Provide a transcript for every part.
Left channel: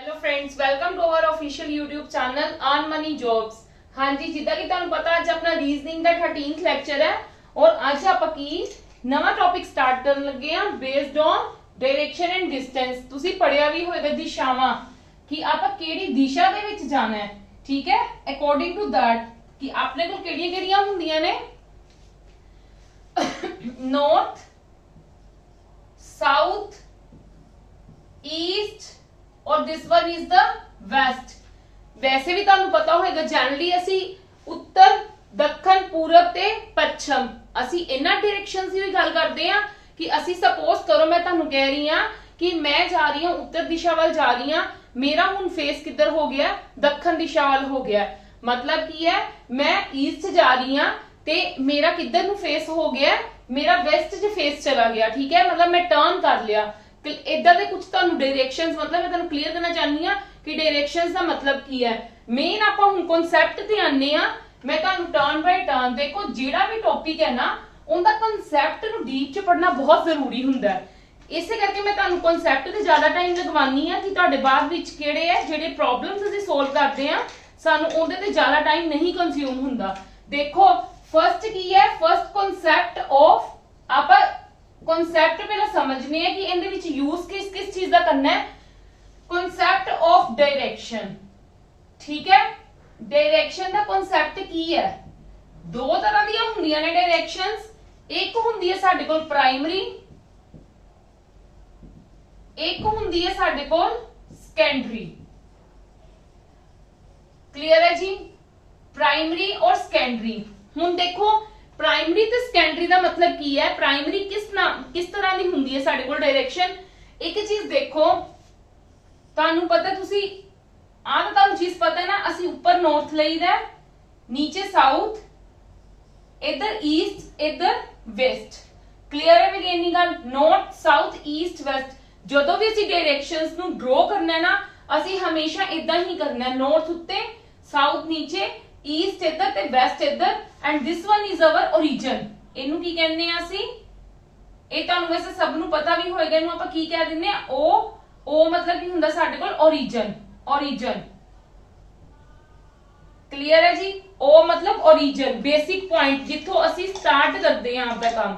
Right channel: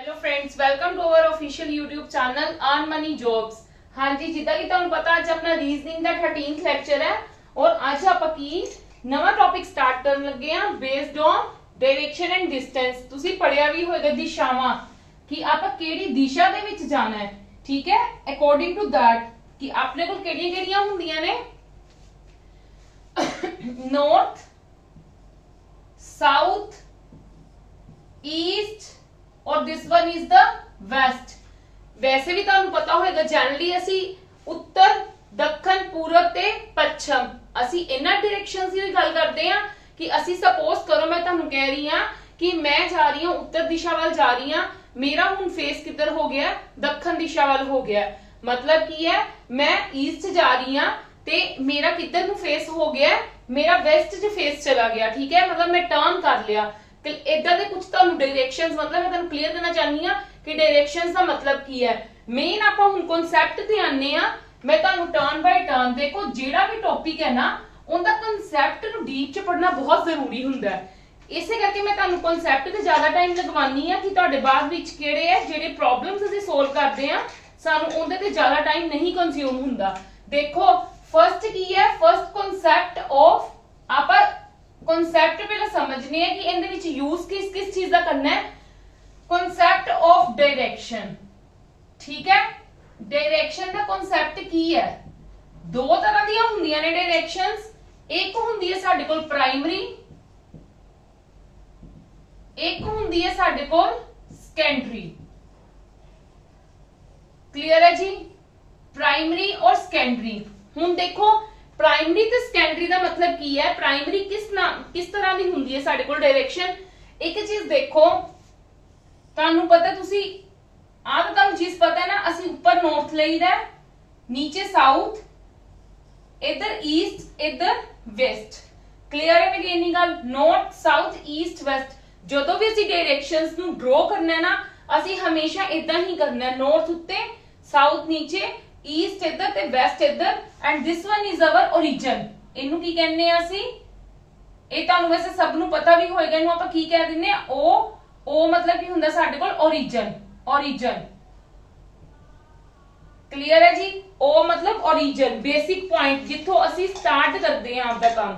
Hello friends, welcome to our official YouTube channel earn money jobs. हाँ जी, जिदा कि तुहानू पता अज अपना रीजनिंग का 13th लेक्चर है और अज आप नवा टॉपिक स्टार्ट करन लगे हैं based on direction and distance. तुसी पढ़िया भी होएगा दिशावां कि आप केड़ी दिशा दे विच जाना है, ठीक है। अकॉर्डिंग टू दैट कि अपने कोल केड़ियां-केड़ियां हुंदियां ने नॉर्थ, साउथ, ईस्ट और this one is the west. वैसे भी तुहानू पता होगा जनरली असी उत्तर, दक्षिण, पूरब ते पश्चिम असी इन्हां डायरेक्शंस दी गल करदे हां कि असी सपोज करो मैं तुहानू कह रही हां कि मैं जा रही हूं उत्तर दिशा वाल जा रही हां, मेरा हुण फेस किधर हो गया, दक्षिण दिशा वाल हो गया। मतलब की है मैं ईस्ट जा रही हां ते मेरा किधर नु फेस हो गया, मेरा वेस्ट च फेस चला गया, ठीक है। मतलब मैं टर्न कर लिया। तो इधर दे कुछ तुहानू डायरेक्शंस मतलब मैं तुहानू क्लियर करना चाहनी हां कि डायरेक्शंस दा मतलब की है। मेन आपां हुण कांसेप्ट ते आने आ। मैं तुहानू टर्न बाय टर्न देखो जेड़ा भी टॉपिक है ना उनका कांसेप्ट नु डीप च पढ़ना बहुत जरूरी हुंदा है। इसे करके मैं तुहानू कांसेप्ट ते ज्यादा टाइम लगवानी है कि तुहाडे बाद विच किहड़े है जेड़े प्रॉब्लम्स असीं सोल्व करदे आ सानू उहदे ते ज्यादा टाइम नहीं कंज्यूम हुंदा। देखो फर्स्ट की है, फर्स्ट कांसेप्ट ऑफ आपां कांसेप्ट पहला समझने हैं कि इनदे विच यूज किस किस चीज का करना है। कांसेप्ट ऑफ डायरेक्शन, ठीक है। डायरेक्शन का कांसेप्ट की है, दो तरह दी हुंदियां ने डायरेक्शंस। एक हुंदी है साडे कोल प्राइमरी, एक हुंदी है साडे कोल सेकेंडरी। क्लियर है जी, प्राइमरी और सेकेंडरी। हुण देखो प्राइमरी ते सेकेंडरी दा मतलब की है। प्राइमरी किस तरह दी हुंदी है साडे कोल डायरेक्शन। एक चीज देखो तुहानू पता तुसी आ तो तुहानू चीज पता है ना, असी ऊपर नॉर्थ लईदा, नीचे साउथ, इधर ईस्ट, इधर वेस्ट। क्लियर है मेरी इन्नी गल। नॉर्थ, साउथ, ईस्ट, वेस्ट जदों भी असी डायरेक्शंस नू ड्रॉ करना है ना असी हमेशा इदां ही करना है। नॉर्थ उत्ते, साउथ नीचे, ईस्ट इधर ते वेस्ट इधर and this one is our origin. इनू की कहने आ असी, ए तुहानू वैसे सब नू पता भी होएगा इनू आपां की कह दिंदे आ ओ मतलब की हुंदा साडे कोल ओरिजिन। ओरिजिन क्लियर है जी। ओ मतलब ओरिजिन, बेसिक पॉइंट जिथों असी स्टार्ट करते हैं आपका काम।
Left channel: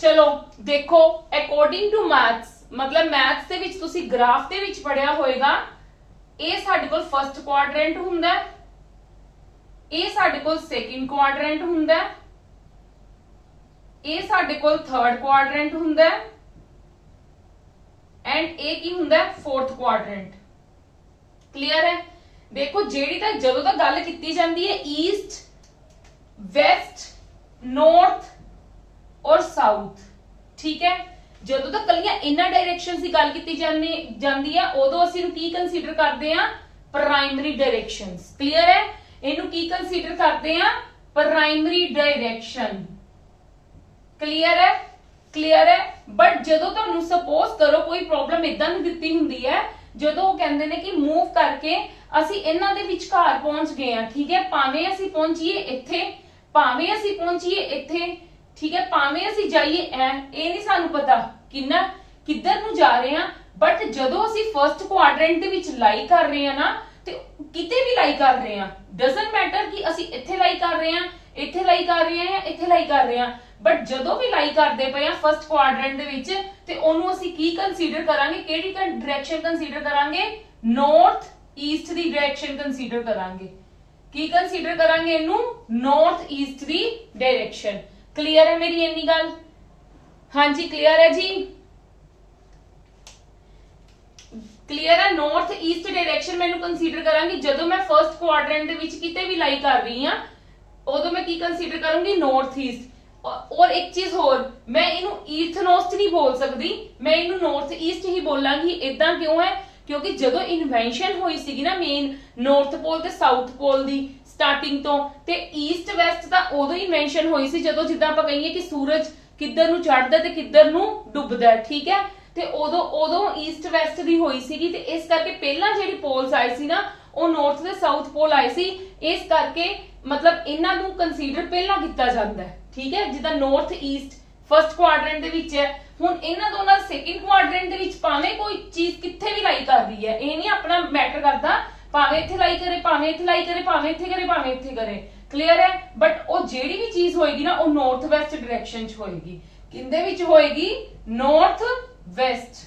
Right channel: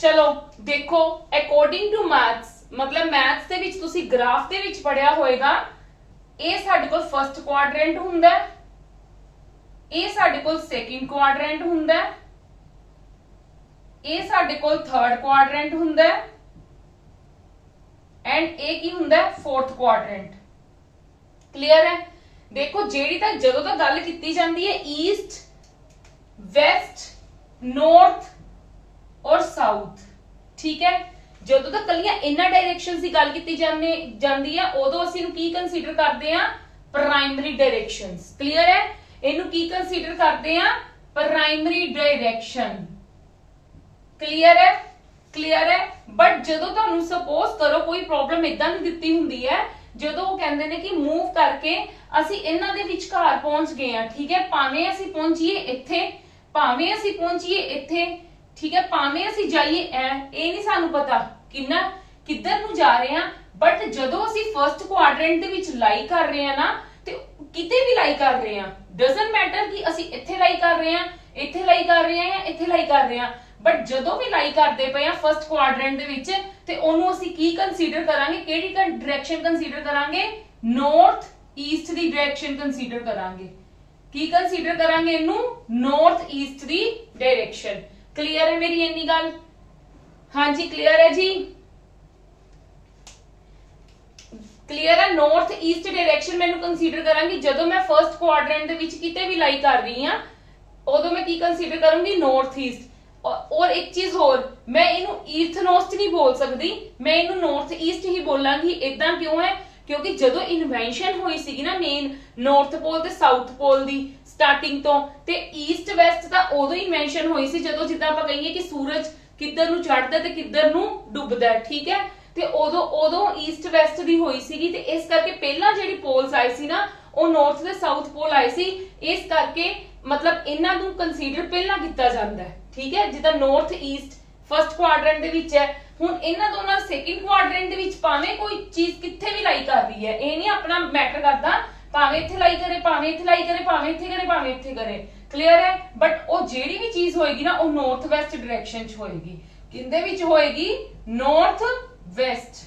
चलो देखो अकॉर्डिंग टू मैथ्स मतलब मैथ्स दे विच तुसी ग्राफ दे विच पढ़िया होएगा ए साडे कोल फर्स्ट क्वाड्रेंट हुंदा है, ए साडे कोल सेकंड क्वाड्रेंट हुंदा है, ए साडे कोल थर्ड क्वाड्रेंट हुंदा है एंड ए की हुंदा है फोर्थ क्वाड्रेंट। क्लियर है। देखो जेड़ी तक जदों तक गल कीती जांदी है ईस्ट, वेस्ट, नॉर्थ और साउथ, ठीक है। जदों तक कलियां इन्हां डायरेक्शंस की गल कीती जांदी है उदों असीं की कंसीडर करदे आ प्राइमरी डायरेक्शंस। क्लियर है। इनू की कंसीडर करते हैं प्राइमरी डायरेक्शन। क्लियर है, क्लियर है। बट जदों तुहानू सपोज करो कोई प्रॉब्लम इदां दित्ती हुंदी है जदों वो कहंदे ने कि मूव करके असी इन्हां दे विचकार पहुंच गए हैं, ठीक है। भावें असी पहुंचीए इत्थे, भावें असी पहुंचीए इत्थे, ठीक है, भावें असी जाइए ए नहीं सानू पता किधर नू जा रहे हैं। बट जदों असी फर्स्ट क्वाड्रेंट दे विच लाई कर रहे हैं ना ते किते भी लाई कर रहे हैं, डजंट मैटर कि असी इत्थे लाई कर रहे हैं, इत्थे लाई कर रहे हैं, इत्थे लाई कर रहे हैं। बट जदों भी लाई करदे पए आ फर्स्ट क्वाड्रेंट दे विच ते ओनू असी की कंसीडर करांगे, केड़ी डायरेक्शन कंसीडर करांगे, north east the direction consider करांगे। की कंसीडर करांगे इनू, north east the direction. Clear है मेरी इन्नी गल। हाँ जी क्लियर है जी, क्लियर है। नॉर्थ ईस्ट डायरेक्शन मैं कंसीडर करांगी जदों मैं फर्स्ट क्वाड्रेंट दे विच किते भी लाई कर रही हां उदों मैं की कंसीडर करूंगी, नॉर्थ ईस्ट। और एक चीज होर, मैं इनू ईस्ट नॉर्थ नहीं बोल सकती, मैं इनू नॉर्थ ईस्ट ही बोलांगी। इदां क्यों है क्योंकि जदों इन्वेंशन हुई सीगी ना मेन नॉर्थ पोल ते साउथ पोल दी स्टार्टिंग तो ते ईस्ट वेस्ट दा उदों इन्वेंशन हुई सी जदों जिद्दां आपां कहिए कि सूरज किधर नू चढ़दा ते किधर नू डुबदा, ठीक है। ते उदों ईस्ट वेस्ट दी होई सीगी ते इस करके पहला जेहड़ी पोल्स आए सी ना ਉਹ नॉर्थ ਤੇ साउथ पोल आए सी। इस करके मतलब इन्हां नू कंसीडर पहला किया जाता है, ठीक है। जिद्दां नॉर्थ ईस्ट फर्स्ट क्वाड्रेंट दे विच है, हुण इन्हां दोनां सेकंड क्वाड्रेंट दे विच ਭਾਵੇਂ ਕੋਈ ਚੀਜ਼ ਕਿੱਥੇ ਵੀ ਲਾਈ ਕਰ ਰਹੀ ਹੈ, ਇਹ ਨਹੀਂ ਆਪਣਾ ਮੈਟਰ ਕਰਦਾ, ਭਾਵੇਂ ਇੱਥੇ ਲਾਈ ਕਰੇ, ਭਾਵੇਂ ਇੱਥੇ ਲਾਈ ਕਰੇ, ਭਾਵੇਂ ਇੱਥੇ ਕਰੇ, ਭਾਵੇਂ ਇੱਥੇ ਕਰੇ, ਕਲੀਅਰ ਹੈ। ਬਟ ਉਹ ਜਿਹੜੀ ਵੀ ਚੀਜ਼ ਹੋਏਗੀ ਨਾ ਉਹ ਨਾਰਥ ਵੈਸਟ ਡਾਇਰੈਕਸ਼ਨ ਚ ਹੋਏਗੀ, ਕਿੰਦੇ ਵਿੱਚ ਹੋਏਗੀ, ਨਾਰਥ ਵੈਸਟ,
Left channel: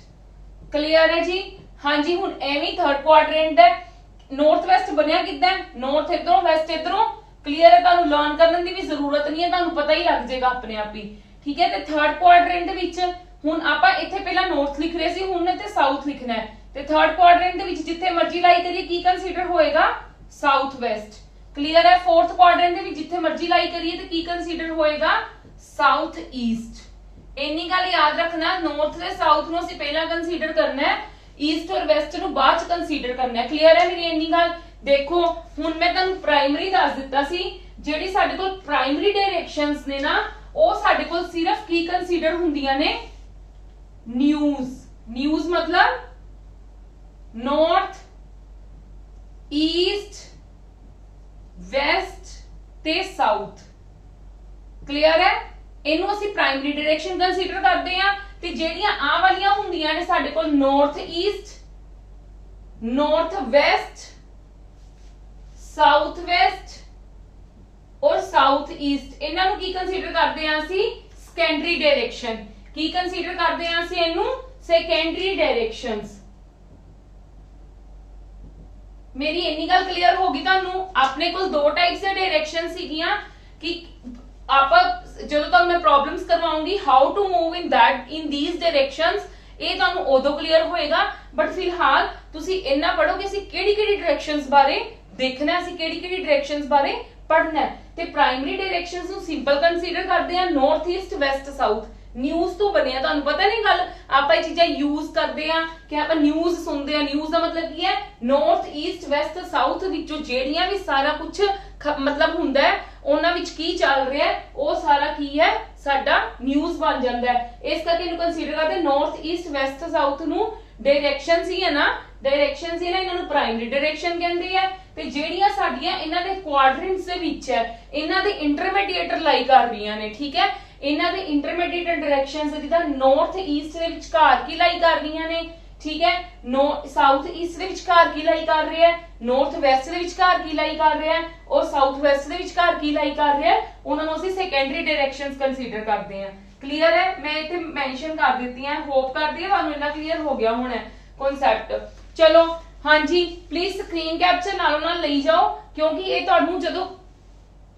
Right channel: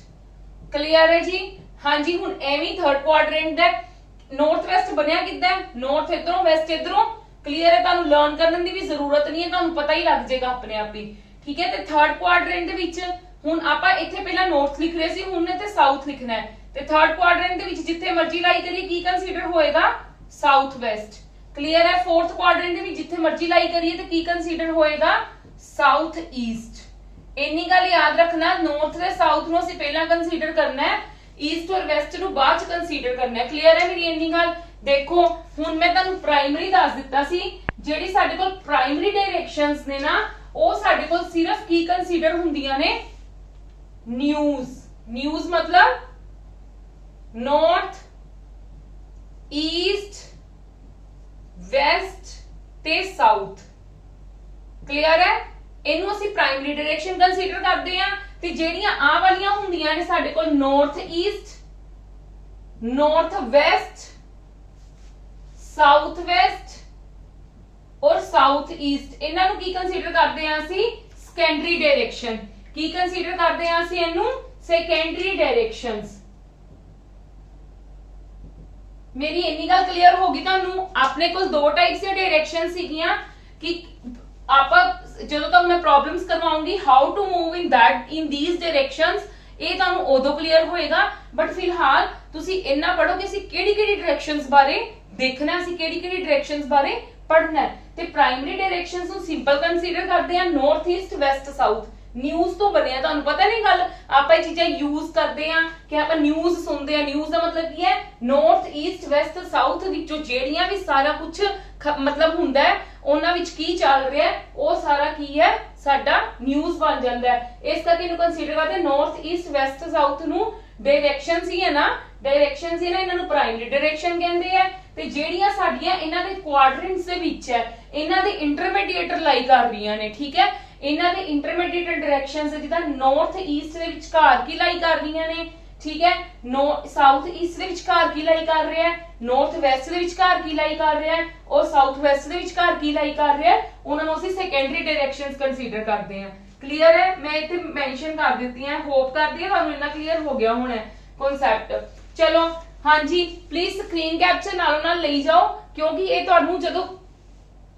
ਕਲੀਅਰ ਹੈ ਜੀ। ਹਾਂਜੀ ਹੁਣ ਐਵੇਂ ਥਰਡ ਕੁਆਡਰੈਂਟ ਦਾ ਨਾਰਥ ਵੈਸਟ ਬਣਿਆ ਕਿੱਦਾਂ, ਨਾਰਥ ਇਧਰੋਂ ਵੈਸਟ ਇਧਰੋਂ, ਕਲੀਅਰ ਹੈ। ਤੁਹਾਨੂੰ ਲਰਨ ਕਰਨ ਦੀ ਵੀ ਜ਼ਰੂਰਤ ਨਹੀਂ ਹੈ, ਤੁਹਾਨੂੰ ਪਤਾ ਹੀ ਲੱਗ ਜਾਏਗਾ ਆਪਣੇ ਆਪ ਹੀ, ਠੀਕ ਹੈ। ਤੇ ਥਰਡ ਕੁਆਡਰੈਂਟ ਦੇ ਵਿੱਚ ਹੁਣ ਆਪਾਂ ਇੱਥੇ ਪਹਿਲਾਂ ਨਾਰਥ ਲਿਖ ਰਹੇ ਸੀ, ਹੁਣ ਇੱਥੇ ਸਾਊਥ ਲਿਖਣਾ ਹੈ। ਤੇ ਥਰਡ ਕੁਆਡਰੈਂਟ ਦੇ ਵਿੱਚ ਜਿੱਥੇ ਮਰਜ਼ੀ ਲਾਈ ਕਰੀਏ ਕੀ ਕੰਸੀਡਰ ਹੋਏਗਾ, ਸਾਊਥ ਵੈਸਟ, ਕਲੀਅਰ ਹੈ। ਫੋਰਥ ਕੁਆਡਰੈਂਟ ਦੇ ਵਿੱਚ ਜਿੱਥੇ ਮਰਜ਼ੀ ਲਾਈ ਕਰੀਏ ਤੇ ਕੀ ਕੰਸੀਡਰ ਹੋਏਗਾ, ਸਾਊਥ ਈਸਟ। ਇੰਨੀ ਗੱਲ ਯਾਦ ਰੱਖਣਾ, ਨਾਰਥ ਤੇ ਸਾਊਥ ਨੂੰ ਅਸੀਂ ਪਹਿਲਾਂ ਕੰਸੀਡਰ ਕਰਨਾ ਹੈ, ਈਸਟ ਔਰ ਵੈਸਟ ਨੂੰ ਬਾਅਦ ਚ ਕੰਸੀਡਰ ਕਰਨਾ ਹੈ, ਕਲੀਅਰ ਹੈ ਮੇਰੀ ਇੰਨੀ ਗੱਲ। ਦੇਖੋ ਹੁਣ ਮੈਂ ਤੁਹਾਨੂੰ ਪ੍ਰਾਇਮਰੀ ਦੱਸ ਦਿੱਤਾ ਸੀ, ਜਿਹੜੀ ਸਾਡੇ ਕੋਲ ਪ੍ਰਾਇਮਰੀ ਡਾਇਰੈਕਸ਼ਨਸ ਨੇ ਨਾ ਉਹ ਸਾਡੇ ਕੋਲ ਸਿਰਫ ਕੀ ਕੰਸੀਡਰ ਹੁੰਦੀਆਂ ਨੇ, ਨਿਊਜ਼। ਨਿਊਜ਼ ਮਤਲਬ ਨਾਰਥ, ਈਸਟ, ਵੈਸਟ ਤੇ ਸਾਊਥ, ਕਲੀਅਰ ਹੈ। ਇਹਨੂੰ ਅਸੀਂ ਪ੍ਰਾਇਮਰੀ ਡਾਇਰੈਕਸ਼ਨ ਕੰਸੀਡਰ ਕਰਦੇ ਆ। ਤੇ ਜਿਹੜੀਆਂ ਆ ਵਾਲੀਆਂ ਹੁੰਦੀਆਂ ਨੇ ਸਾਡੇ ਕੋਲ north East, north West, south West ਔਰ ਸਾਊਥ ਈਸਟ, ਇਹਨਾਂ ਨੂੰ ਕੀ ਕੰਸੀਡਰ ਕਰਦੇ ਆ ਅਸੀਂ, ਸੈਕੰਡਰੀ ਡਾਇਰੈਕਸ਼ਨ। ਕੀ ਕੰਸੀਡਰ ਕਰਦੇ ਆ ਅਸੀਂ ਇਹਨੂੰ, ਸੈਕੰਡਰੀ ਡਾਇਰੈਕਸ਼ਨਸ। ਮੇਰੀ ਇੰਨੀ ਗੱਲ ਕਲੀਅਰ ਹੋ ਗਈ ਤੁਹਾਨੂੰ। ਆਪਣੇ ਕੋਲ ਦੋ ਟਾਈਪਸ ਦੇ ਡਾਇਰੈਕਸ਼ਨ ਸੀਗੀਆਂ ਕਿ ਆਪਾਂ ਜਦੋਂ ਤੱਕ ਮੈਂ ਪ੍ਰੋਬਲਮਸ ਕਰਵਾਉਂਗੀ how to move in that in these directions, ਇਹ ਤੁਹਾਨੂੰ ਉਦੋਂ ਕਲੀਅਰ ਹੋਏਗਾ। ਬਟ ਫਿਲਹਾਲ ਤੁਸੀਂ ਇੰਨਾ ਪੜੋ ਕਿ ਅਸੀਂ ਕਿਹੜੀ ਕਿਹੜੀ ਡਾਇਰੈਕਸ਼ਨਸ ਬਾਰੇ ਦੇਖਣਾ, ਅਸੀਂ ਕਿਹੜੀ ਕਿਹੜੀ ਡਾਇਰੈਕਸ਼ਨਸ ਬਾਰੇ ਪੜਨਾ। ਤੇ ਪ੍ਰਾਇਮਰੀ ਡਾਇਰੈਕਸ਼ਨਸ ਨੂੰ ਸਿੰਪਲ ਕੰਸੀਡਰ ਕਰਦੇ ਆ, north East West south. News ਤੋਂ ਬਣਿਆ, ਤੁਹਾਨੂੰ ਪਤਾ ਨਹੀਂ ਗੱਲ, ਆਪਾਂ ਇਹ ਚੀਜ਼ਾਂ ਯੂਜ਼ ਕਰਦੇ ਆ ਕਿ ਆਪਾਂ ਨਿਊਜ਼ ਸੁਣਦੇ ਆ। ਨਿਊਜ਼ ਦਾ ਮਤਲਬ ਕੀ ਹੈ, ਨਾਰਥ ਈਸਟ ਵੈਸਟ ਸਾਊਥ ਵਿੱਚੋਂ ਜਿਹੜੀਆਂ ਵੀ ਸਾਰਾ ਕੁਝ ਮਤਲਬ ਹੁੰਦਾ ਹੈ, ਉਹਨਾਂ ਵਿੱਚ ਕੀ ਚੱਲ ਰਿਹਾ ਹੈ, ਉਹ ਸਾਰਾ ਕੀ ਹੈ, ਸਾਡਾ ਨਿਊਜ਼ ਬਣ ਜਾਂਦਾ ਹੈ। ਇਸ ਕਰਕੇ ਇਹਨੂੰ ਕੰਸੀਡਰ ਕਰਦੇ ਨਾਰਥ ਈਸਟ ਵੈਸਟ ਸਾਊਥ ਨੂੰ ਡਾਇਰੈਕਸ਼ਨਸ ਹੀ ਹੈ ਨਾ, ਡਾਇਰੈਕਸ਼ਨਸ ਹੀ ਨਾ, ਇਹਨਾਂ ਨੂੰ ਪ੍ਰਾਇਮਰੀ ਡਾਇਰੈਕਸ਼ਨ ਕਹਿੰਦੇ ਆ। ਤੇ ਜਿਹੜੀਆਂ ਸਾਡੀਆਂ ਇਹਨਾਂ ਦੇ ਕੁਆਡਰੈਂਟਸ ਦੇ ਵਿੱਚ ਹੈ, ਇਹਨਾਂ ਦੇ ਇੰਟਰਮੀਡੀਏਟਰ ਲਾਈ ਕਰ ਰਹੀਆਂ ਨੇ, ਠੀਕ ਹੈ। ਇਹਨਾਂ ਦੇ ਇੰਟਰਮੀਡੀਏਟ ਡਾਇਰੈਕਸ਼ਨਸ ਜਿੱਦਾਂ ਨਾਰਥ ਈਸਟ ਦੇ ਵਿਚਕਾਰ ਕੀ ਲਾਈ ਕਰ ਰਹੀਆਂ ਨੇ, ਠੀਕ ਹੈ। ਸਾਊਥ ਈਸਟ ਦੇ ਵਿਚਕਾਰ ਕੀ ਲਾਈ ਕਰ ਰਿਹਾ ਹੈ, ਨਾਰਥ ਵੈਸਟ ਦੇ ਵਿਚਕਾਰ ਕੀ ਲਾਈ ਕਰ ਰਿਹਾ ਹੈ, ਔਰ ਸਾਊਥ ਵੈਸਟ ਦੇ ਵਿਚਕਾਰ ਕੀ ਲਾਈ ਕਰ ਰਿਹਾ ਹੈ, ਉਹਨਾਂ ਨੂੰ ਅਸੀਂ ਸੈਕੰਡਰੀ ਡਾਇਰੈਕਸ਼ਨਸ ਕੰਸੀਡਰ ਕਰਦੇ ਹਾਂ, ਕਲੀਅਰ ਹੈ। ਮੈਂ ਇੱਥੇ ਮੈਂਸ਼ਨ ਕਰ ਦਿੱਤੀ ਹੈ, ਹੋਪ ਕਰਦੀ ਹਾਂ ਤੁਹਾਨੂੰ ਇੰਨਾ ਕਲੀਅਰ ਹੋ ਗਿਆ ਹੁਣ ਕਨਸੈਪਟ। ਚਲੋ ਹਾਂਜੀ ਪਲੀਜ਼ ਸਕਰੀਨ ਕੈਪਚਰ ਨਾਲ ਲਈ ਜਾਓ, ਕਿਉਂਕਿ ਇਹ ਤੁਹਾਨੂੰ ਜਦੋਂ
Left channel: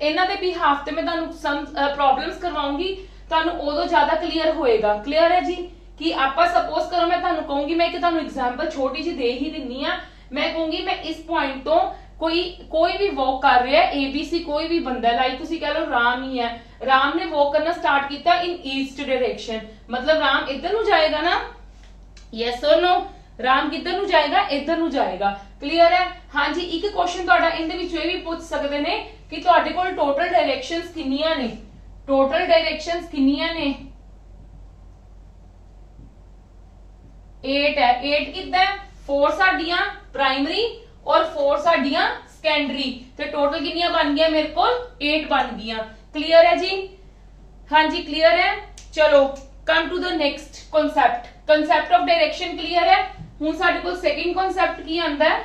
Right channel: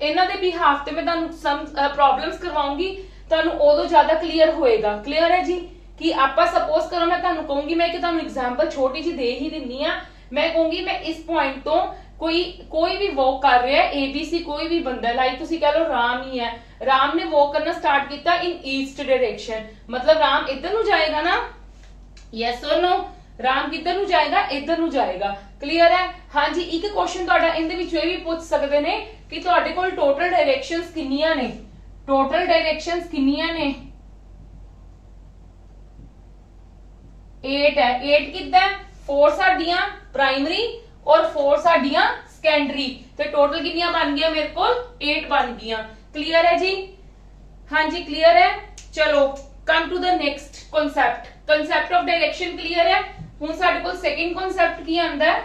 ਇਹਨਾਂ ਦੇ ਬਿਹਾਫ ਤੇ ਮੈਂ ਤੁਹਾਨੂੰ ਸਮ ਪ੍ਰੋਬਲਮਸ ਕਰਵਾਉਂਗੀ ਤੁਹਾਨੂੰ ਉਦੋਂ ਜ਼ਿਆਦਾ ਕਲੀਅਰ ਹੋਏਗਾ, ਕਲੀਅਰ ਹੈ ਜੀ। ਕਿ ਆਪਾਂ ਸਪੋਜ਼ ਕਰੋ ਮੈਂ ਤੁਹਾਨੂੰ ਕਹੂੰਗੀ, ਮੈਂ ਕਿ ਤੁਹਾਨੂੰ ਐਗਜ਼ਾਮਪਲ ਛੋਟੀ ਜਿਹੀ ਦੇ ਹੀ ਦਿੰਨੀ ਆ, ਮੈਂ ਕਹੂੰਗੀ ਮੈਂ ਇਸ ਪੁਆਇੰਟ ਤੋਂ ਕੋਈ ਵੀ ਵਾਕ ਕਰ ਰਿਹਾ ਹੈ, ABC ਕੋਈ ਵੀ ਬੰਦਾ, ਲਾਈਕ ਤੁਸੀਂ ਕਹ ਲਓ ਰਾਮ ਹੀ ਹੈ, ਰਾਮ ਨੇ ਵਾਕ ਕਰਨਾ ਸਟਾਰਟ ਕੀਤਾ ਇਨ ਈਸਟ डायरेक्शन, मतलब राम इधर ਨੂੰ ਜਾਏਗਾ ਨਾ, ਯੈਸ অর ਨੋ, ਰਾਮ ਕਿੱਧਰ ਨੂੰ ਜਾਏਗਾ, ਇੱਧਰ ਨੂੰ ਜਾਏਗਾ, ਕਲੀਅਰ ਹੈ। ਹਾਂਜੀ ਇੱਕ ਕੁਐਸਚਨ ਤੁਹਾਡਾ ਇਹਦੇ ਵਿੱਚ ਇਹ ਵੀ ਪੁੱਛ ਸਕਦੇ ਨੇ ਕਿ ਤੁਹਾਡੇ ਕੋਲ ਟੋਟਲ ਡਾਇਰੈਕਸ਼ਨਸ ਕਿੰਨੀਆਂ ਨੇ, ਟੋਟਲ ਡਾਇਰੈਕਸ਼ਨਸ ਕਿੰਨੀਆਂ ਨੇ, 8 है। 8 कितना है, 4 साडियां प्राइमरी और 4 साडियां सेकेंडरी, तो टोटल कितनियां बन गया मेरे को 8 बन गया, क्लियर है जी। हाँ जी क्लियर है। चलो come to the next concept, concept of direction clear है। हुण साडे कोल सेकंड कॉन्सेप्ट की आंदा है,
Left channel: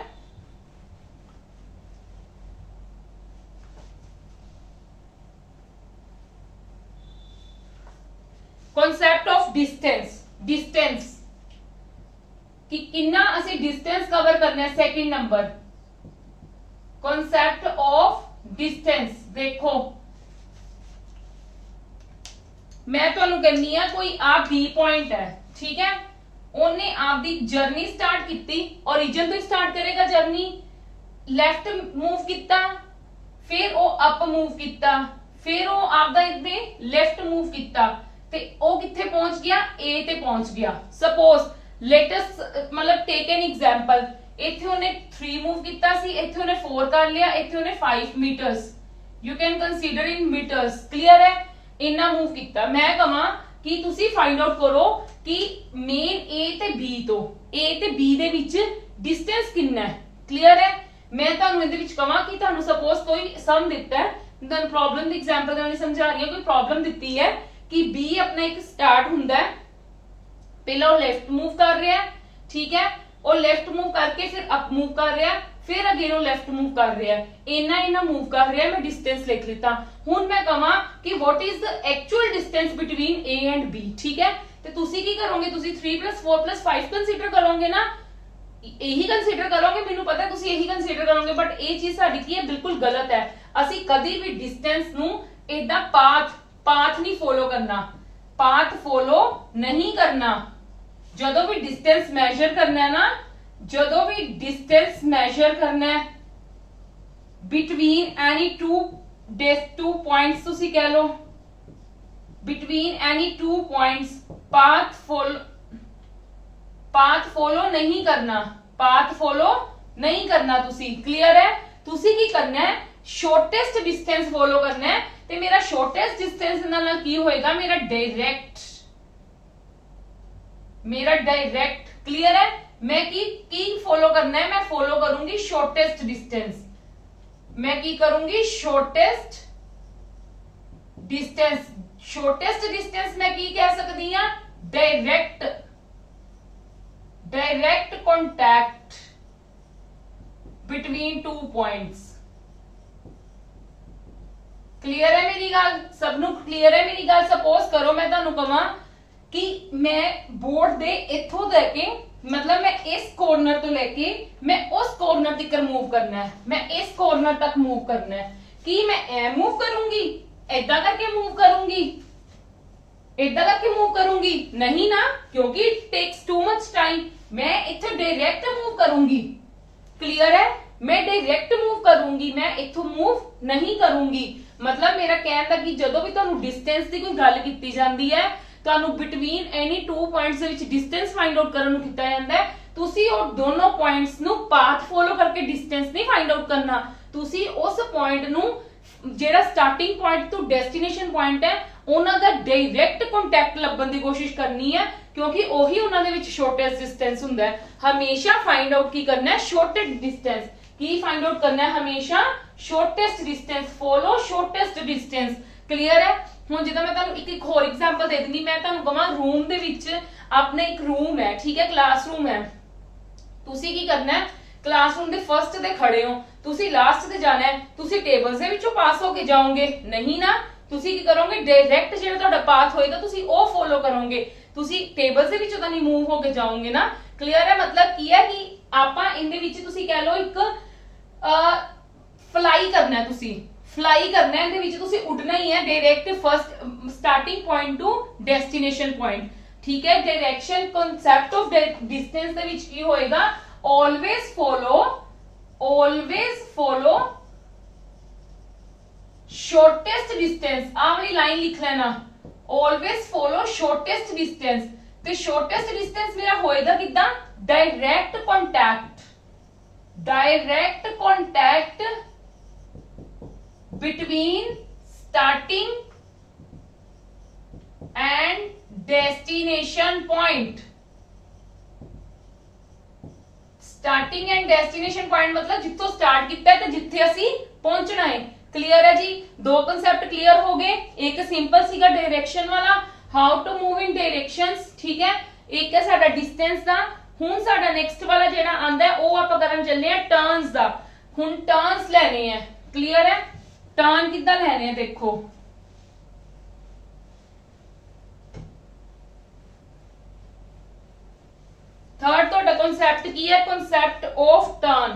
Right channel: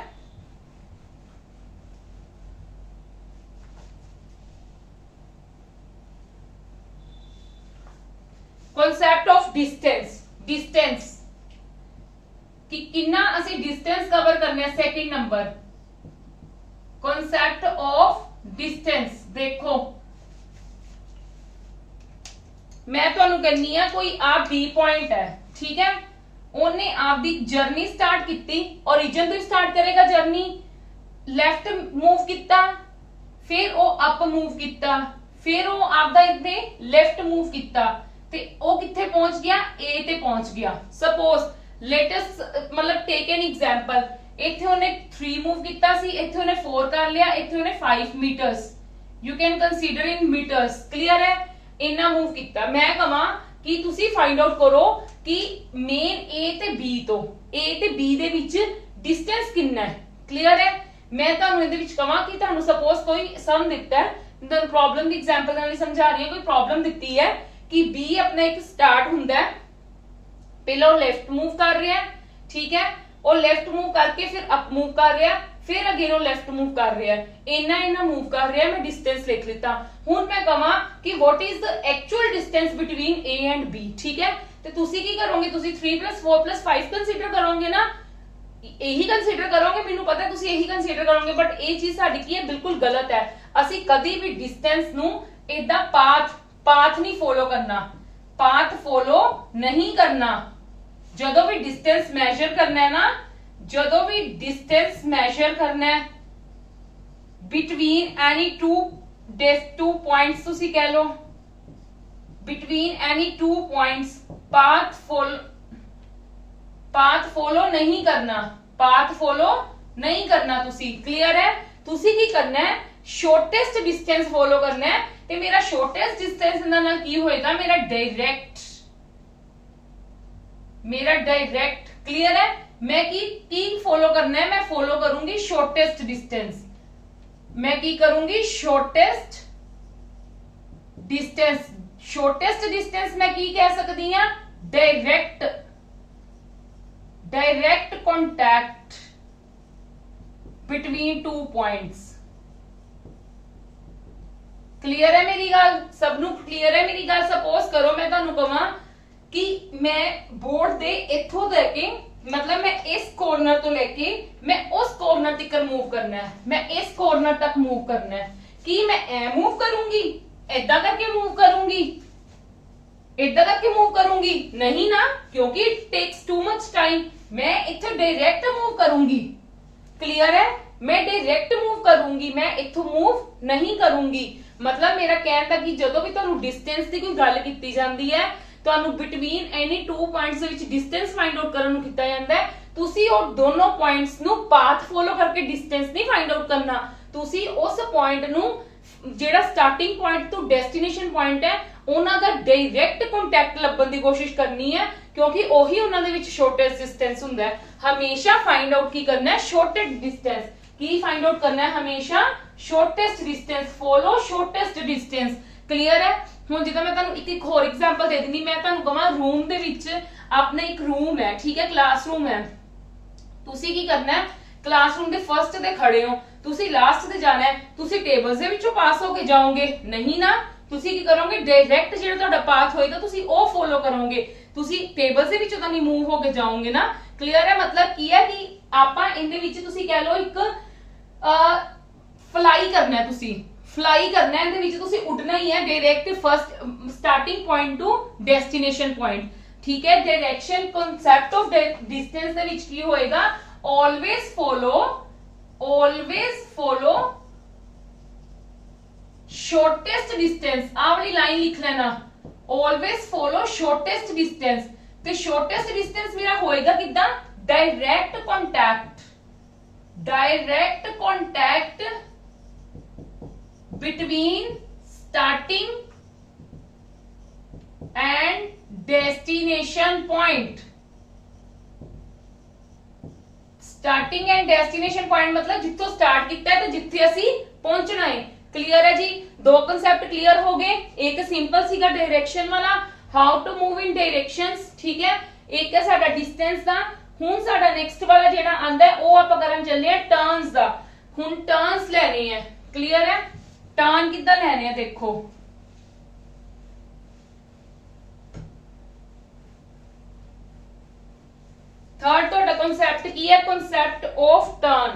कॉन्सेप्ट ऑफ डिस्टेंस, डिस्टेंस कि कितना असी डिस्टेंस कवर करना है, second number concept of distance. देखो मैं तुहानू कहनी है कोई आप बी पॉइंट है, ठीक है, उन्हें आपकी जर्नी स्टार्ट की, ओरिजिन तो स्टार्ट करेगा जर्नी, लेफ्ट मूव किया, फिर वो अप मूव किया, फिर वो आपदा इत्थे लेफ्ट मूव किया, ते वो कित्थे पहुंच गया, ए ते पहुंच गया। सपोज लेटेस्ट मतलब टेक एन एग्जांपल, इत्थे उन्हें 3 मूव किया सी, इत्थे उन्हें 4 कर लिया, इत्थे उन्हें 5 meters, you can consider in meters, clear है। इन्ना मूव किया, मैं कहां कि तुसी फाइंड आउट करो कि मेन ए ते बी तो ए ते बी दे विच डिस्टेंस कितना है, क्लियर है। मैं तुहानू इहदे विच कहां कि तुहानू सपोज कोई सम दिता है, तुहानू प्रॉब्लम दी एग्जांपल नाल समझा रही हूं, कोई प्रॉब्लम दित्ती है कि बी अपना एक स्टार्ट हुंदा है ਪਹਿਲਾਂ ਉਹ ਲੈਫਟ मूव कर रहा है, ठीक है, ਉਹ ਲੈਫਟ मूव करके फिर अप मूव कर रहा है, फिर अगेन ਉਹ ਲੈਫਟ मूव कर रहा है, इन्ना मूव कर रहा है। मैं डिस्टेंस लिख लिता। ਹੁਣ मैं कहां कि what is the actual distance between A and B, ठीक है। ਤੇ ਤੁਸੀਂ ਕੀ ਕਰੋਗੇ, ਤੁਸੀਂ 3 + 4 + 5 ਕੰਸੀਡਰ ਕਰੋਗੇ ਨਾ, ਇਹੀ ਕੰਸੀਡਰ ਕਰੋਗੇ, ਮੈਨੂੰ ਪਤਾ ਤੁਸੀਂ ਇਹੀ ਕੰਸੀਡਰ ਕਰੋਗੇ, ਬਟ ਇਹ ਚੀਜ਼ ਸਾਡੀ ਕੀ ਹੈ, ਬਿਲਕੁਲ ਗਲਤ ਹੈ। ਅਸੀਂ ਕਦੀ ਵੀ ਡਿਸਟੈਂਸ ਨੂੰ ਇਦਾਂ ਪਾਥ ਨਹੀਂ ਫੋਲੋ ਕਰਨਾ, ਪਾਥ ਫੋਲੋ ਨਹੀਂ ਕਰਨਾ। ਜਦੋਂ ਵੀ ਡਿਸਟੈਂਸ ਮੈਜ਼ਰ ਕਰਨਾ ਹੈ ਨਾ, ਜਦੋਂ ਵੀ ਡਿਸਟੈਂਸ ਮੈਜ਼ਰ ਕਰਨਾ ਹੈ ਬਿਟਵੀਨ ਐਨੀ टू पॉइंट्स, ਤੁਸੀਂ ਕਹਿ ਲਓ between any 2 points, path follow नहीं करना, पाथ फॉलो नहीं करना तुसी। क्लियर है? तुसी की करना है, शॉर्टेस्ट डिस्टेंस फॉलो करना है। ते मेरा शॉर्टेस्ट डिस्टेंस नाल की होएगा, मेरा डायरेक्ट। क्लियर है? मैं की फॉलो करना है, मैं फॉलो करूंगी शॉर्टेस्ट डिस्टेंस। मैं की करूंगी शॉर्टेस्ट डिस्टेंस। शॉर्टेस्ट डिस्टेंस मैं की कह सकती हां, direct contact between 2 points. Clear है मेरी गल? सबनू क्लियर है मेरी गल? सपोज करो मैं तुहानू कहां कि मैं बोर्ड दे इथों लेके, मतलब मैं इस कॉर्नर तो लेके मैं उस कॉर्नर तक मूव करना है, मैं इस कॉर्नर तक मूव करना है। कि मैं ए मूव करूंगी, इदा करके मूव करूंगी, इदा करके मूव करूंगी? नहीं ना, क्योंकि it takes too much time. मैं इथे डायरेक्ट मूव करूंगी। क्लियर है? मैं डायरेक्ट मूव करूंगी, मैं इथों मूव नहीं करूंगी। मतलब मेरा कहने का कि जदों भी तुहानू डिस्टेंस की कोई गल कीती जांदी है, तुहानू बिटवीन एनी 2 पॉइंट्स दे विच डिस्टेंस फाइंड आउट करन नू कीता जांदा है, तुसी ਉਹ दोनों पॉइंट्स नू पाथ फॉलो करके डिस्टेंस नहीं फाइंड आउट करना। तुसी उस पॉइंट नू ਜਿਹੜਾ ਸਟਾਰਟਿੰਗ ਪੁਆਇੰਟ ਤੋਂ ਡੈਸਟੀਨੇਸ਼ਨ ਪੁਆਇੰਟ ਹੈ, ਉਹਨਾਂ ਦਾ ਡਾਇਰੈਕਟ ਕੰਟੈਕਟ ਲੱਭਣ ਦੀ ਕੋਸ਼ਿਸ਼ ਕਰਨੀ ਹੈ, ਕਿਉਂਕਿ ਉਹੀ ਉਹਨਾਂ ਦੇ ਵਿੱਚ ਸ਼ਾਰਟੈਸਟ ਡਿਸਟੈਂਸ ਹੁੰਦਾ ਹੈ। ਹਮੇਸ਼ਾ ਫਾਈਂਡ ਆਊਟ ਕੀ ਕਰਨਾ ਹੈ, ਸ਼ਾਰਟੈਸਟ ਡਿਸਟੈਂਸ। ਕੀ ਫਾਈਂਡ ਆਊਟ ਕਰਨਾ ਹੈ? ਹਮੇਸ਼ਾ shortest distance, follow shortest distance. Clear ਹੈ? ਹੁਣ ਜਿੱਦਾਂ ਮੈਂ ਤੁਹਾਨੂੰ ਇੱਕ ਹੋਰ ਐਗਜ਼ਾਮਪਲ ਦੇ ਦਿੰਦੀ, ਮੈਂ ਤੁਹਾਨੂੰ ਕਹਾਂ ਰੂਮ ਦੇ ਵਿੱਚ ਆਪਣੇ ਇੱਕ ਰੂਮ ਹੈ, ਠੀਕ ਹੈ, ਕਲਾਸਰੂਮ ਹੈ। ਤੁਸੀਂ ਕੀ ਕਰਨਾ ਹੈ, ਕਲਾਸਰੂਮ ਦੇ ਫਰਸਟ ਤੇ ਖੜੇ ਹੋ, ਤੁਸੀਂ ਲਾਸਟ ਤੇ ਜਾਣਾ ਹੈ, ਤੁਸੀਂ ਟੇਬਲਸ ਦੇ ਵਿੱਚੋਂ ਪਾਸ ਹੋ ਕੇ ਜਾਓਗੇ? ਨਹੀਂ ਨਾ, ਤੁਸੀਂ ਕੀ ਕਰੋਗੇ, ਡਾਇਰੈਕਟ ਜਿਹੜਾ ਤੁਹਾਡਾ ਪਾਥ ਹੋਏਗਾ ਤੁਸੀਂ ਉਹ ਫੋਲੋ ਕਰੋਗੇ, ਤੁਸੀਂ ਟੇਬਲਸ ਦੇ ਵਿੱਚੋਂ ਤਾਂ ਨਹੀਂ ਮੂਵ ਹੋ ਕੇ ਜਾਓਗੇ ਨਾ। ਕਲੀਅਰ ਹੈ? ਮਤਲਬ ਕੀ ਹੈ ਕਿ ਆਪਾਂ ਇਹਦੇ ਵਿੱਚ ਤੁਸੀਂ ਕਹਿ ਲਓ ਇੱਕ ਫਲਾਈ ਕਰਨਾ ਹੈ, ਤੁਸੀਂ ਫਲਾਈ ਕਰਨਾ ਹੈ, ਇਹਦੇ ਵਿੱਚ ਤੁਸੀਂ ਉੱਡਣਾ ਹੀ ਹੈ, direct first starting point to destination point. ਠੀਕ ਹੈ? ਡਾਇਰੈਕਸ਼ਨ ਕਨਸੈਪਟ ਆਫ ਡਿਸਟੈਂਸ ਦੇ ਵਿੱਚ ਕੀ ਹੋਏਗਾ, always follow shortest distance। आ वाली लाइन लिख लेना, always follow shortest distance। ते shortest distance मेरा होएगा कितना, direct contact between starting and destination point। Starting and destination point मतलब जिथों स्टार्ट किया है ते जिथे असी पहुंचना है। क्लियर है जी? दो कांसेप्ट क्लियर हो गए। एक सिंपल सीगा डायरेक्शन वाला, how to move in directions, ठीक है। एक है साडा डिस्टेंस दा। हुन साडा नेक्स्ट वाला जेड़ा आंदा है वो आपां करन चलने हैं टर्न्स दा। हुन टर्न्स लेने हैं। क्लियर है? टर्न किद्दां लेने हैं देखो, थर्ड तो कॉन्सेप्ट की है, concept of turn.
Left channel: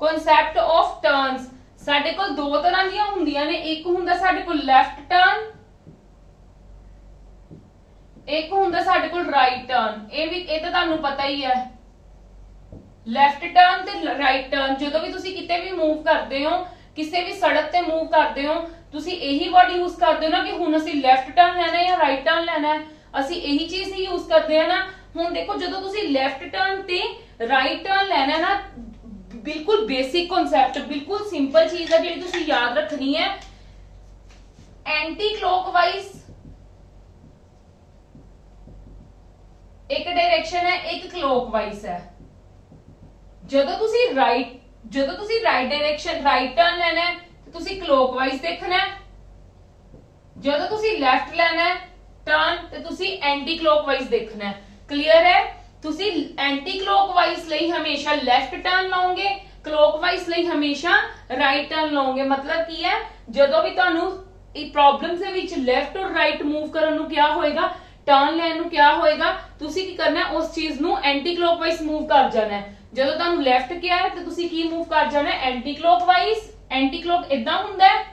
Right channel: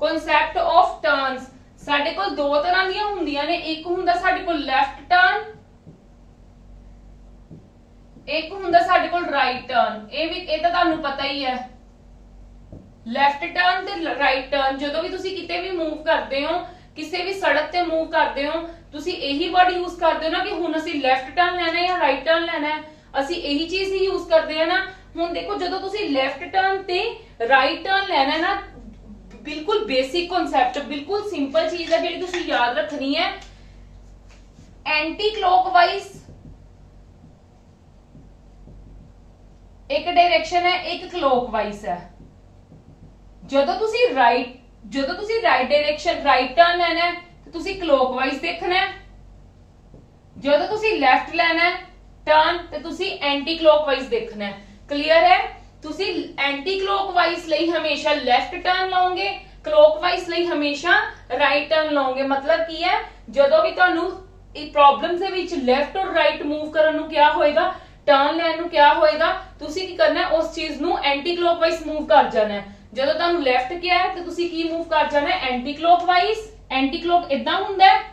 Concept of turns साडे कोल दो तरह दी हुंदियां ने, एक हुंदा साडे कोल लेफ्ट टर्न, एक हुंदा साडे कोल राइट टर्न। ये भी ये तो तुहानू पता ही है, लेफ्ट टर्न ते राइट टर्न जदों भी तुसी किते भी मूव करते हो, किसी भी सड़क ते मूव करते हो, तुसी यही वर्ड यूज करते हो ना कि हुन असी लेफ्ट टर्न लेना है या राइट टर्न लेना है, असी यही चीज ही यूज करते हैं ना। हुन देखो जदों तुसी लेफ्ट टर्न ते राइट टर्न लेना है ना, बिल्कुल बेसिक कॉन्सेप्ट, बिल्कुल सिंपल चीज है जिहड़ी तुसी याद रखनी है। एंटी क्लॉकवाइज एक डायरेक्शन है, एक क्लॉकवाइज है। जदों तुसी राइट ਜਦੋਂ ਤੁਸੀਂ ਰਾਈਟ ਡਾਇਰੈਕਸ਼ਨ ਰਾਈਟ ਟਰਨ ਲੈਣਾ ਹੈ ਤੇ ਤੁਸੀਂ ਕਲੋਕਵਾਈਜ਼ ਦੇਖਣਾ ਹੈ, ਜਦੋਂ ਤੁਸੀਂ ਲੈਫਟ ਲੈਣਾ ਹੈ ਟਰਨ ਤੇ ਤੁਸੀਂ ਐਂਟੀ ਕਲੋਕਵਾਈਜ਼ ਦੇਖਣਾ ਹੈ। ਕਲੀਅਰ ਹੈ? ਤੁਸੀਂ ਐਂਟੀ ਕਲੋਕਵਾਈਜ਼ ਲਈ ਹਮੇਸ਼ਾ ਲੈਫਟ ਟਰਨ ਲਓਗੇ, ਕਲੋਕਵਾਈਜ਼ ਲਈ ਹਮੇਸ਼ਾ ਰਾਈਟ ਟਰਨ ਲਓਗੇ। ਮਤਲਬ ਕੀ ਹੈ, ਜਦੋਂ ਵੀ ਤੁਹਾਨੂੰ ਇਹ ਪ੍ਰੋਬਲਮਸ ਦੇ ਵਿੱਚ ਲੈਫਟ ਔਰ ਰਾਈਟ ਮੂਵ ਕਰਨ ਨੂੰ ਕਿਹਾ ਹੋਏਗਾ, ਟਰਨ ਲੈਣ ਨੂੰ ਕਿਹਾ ਹੋਏਗਾ, ਤੁਸੀਂ ਕੀ ਕਰਨਾ ਹੈ, ਉਸ ਚੀਜ਼ ਨੂੰ ਐਂਟੀ ਕਲੋਕਵਾਈਜ਼ ਮੂਵ ਕਰ ਜਾਣਾ ਹੈ। ਜਦੋਂ ਤੁਹਾਨੂੰ ਲੈਫਟ ਕਿਹਾ ਹੈ ਤੇ ਤੁਸੀਂ ਕੀ ਮੂਵ ਕਰ ਜਾਣਾ ਹੈ, ਐਂਟੀ ਕਲੋਕਵਾਈਜ਼। ਐਂਟੀ ਕਲੋਕ ਇਦਾਂ ਹੁੰਦਾ ਹੈ,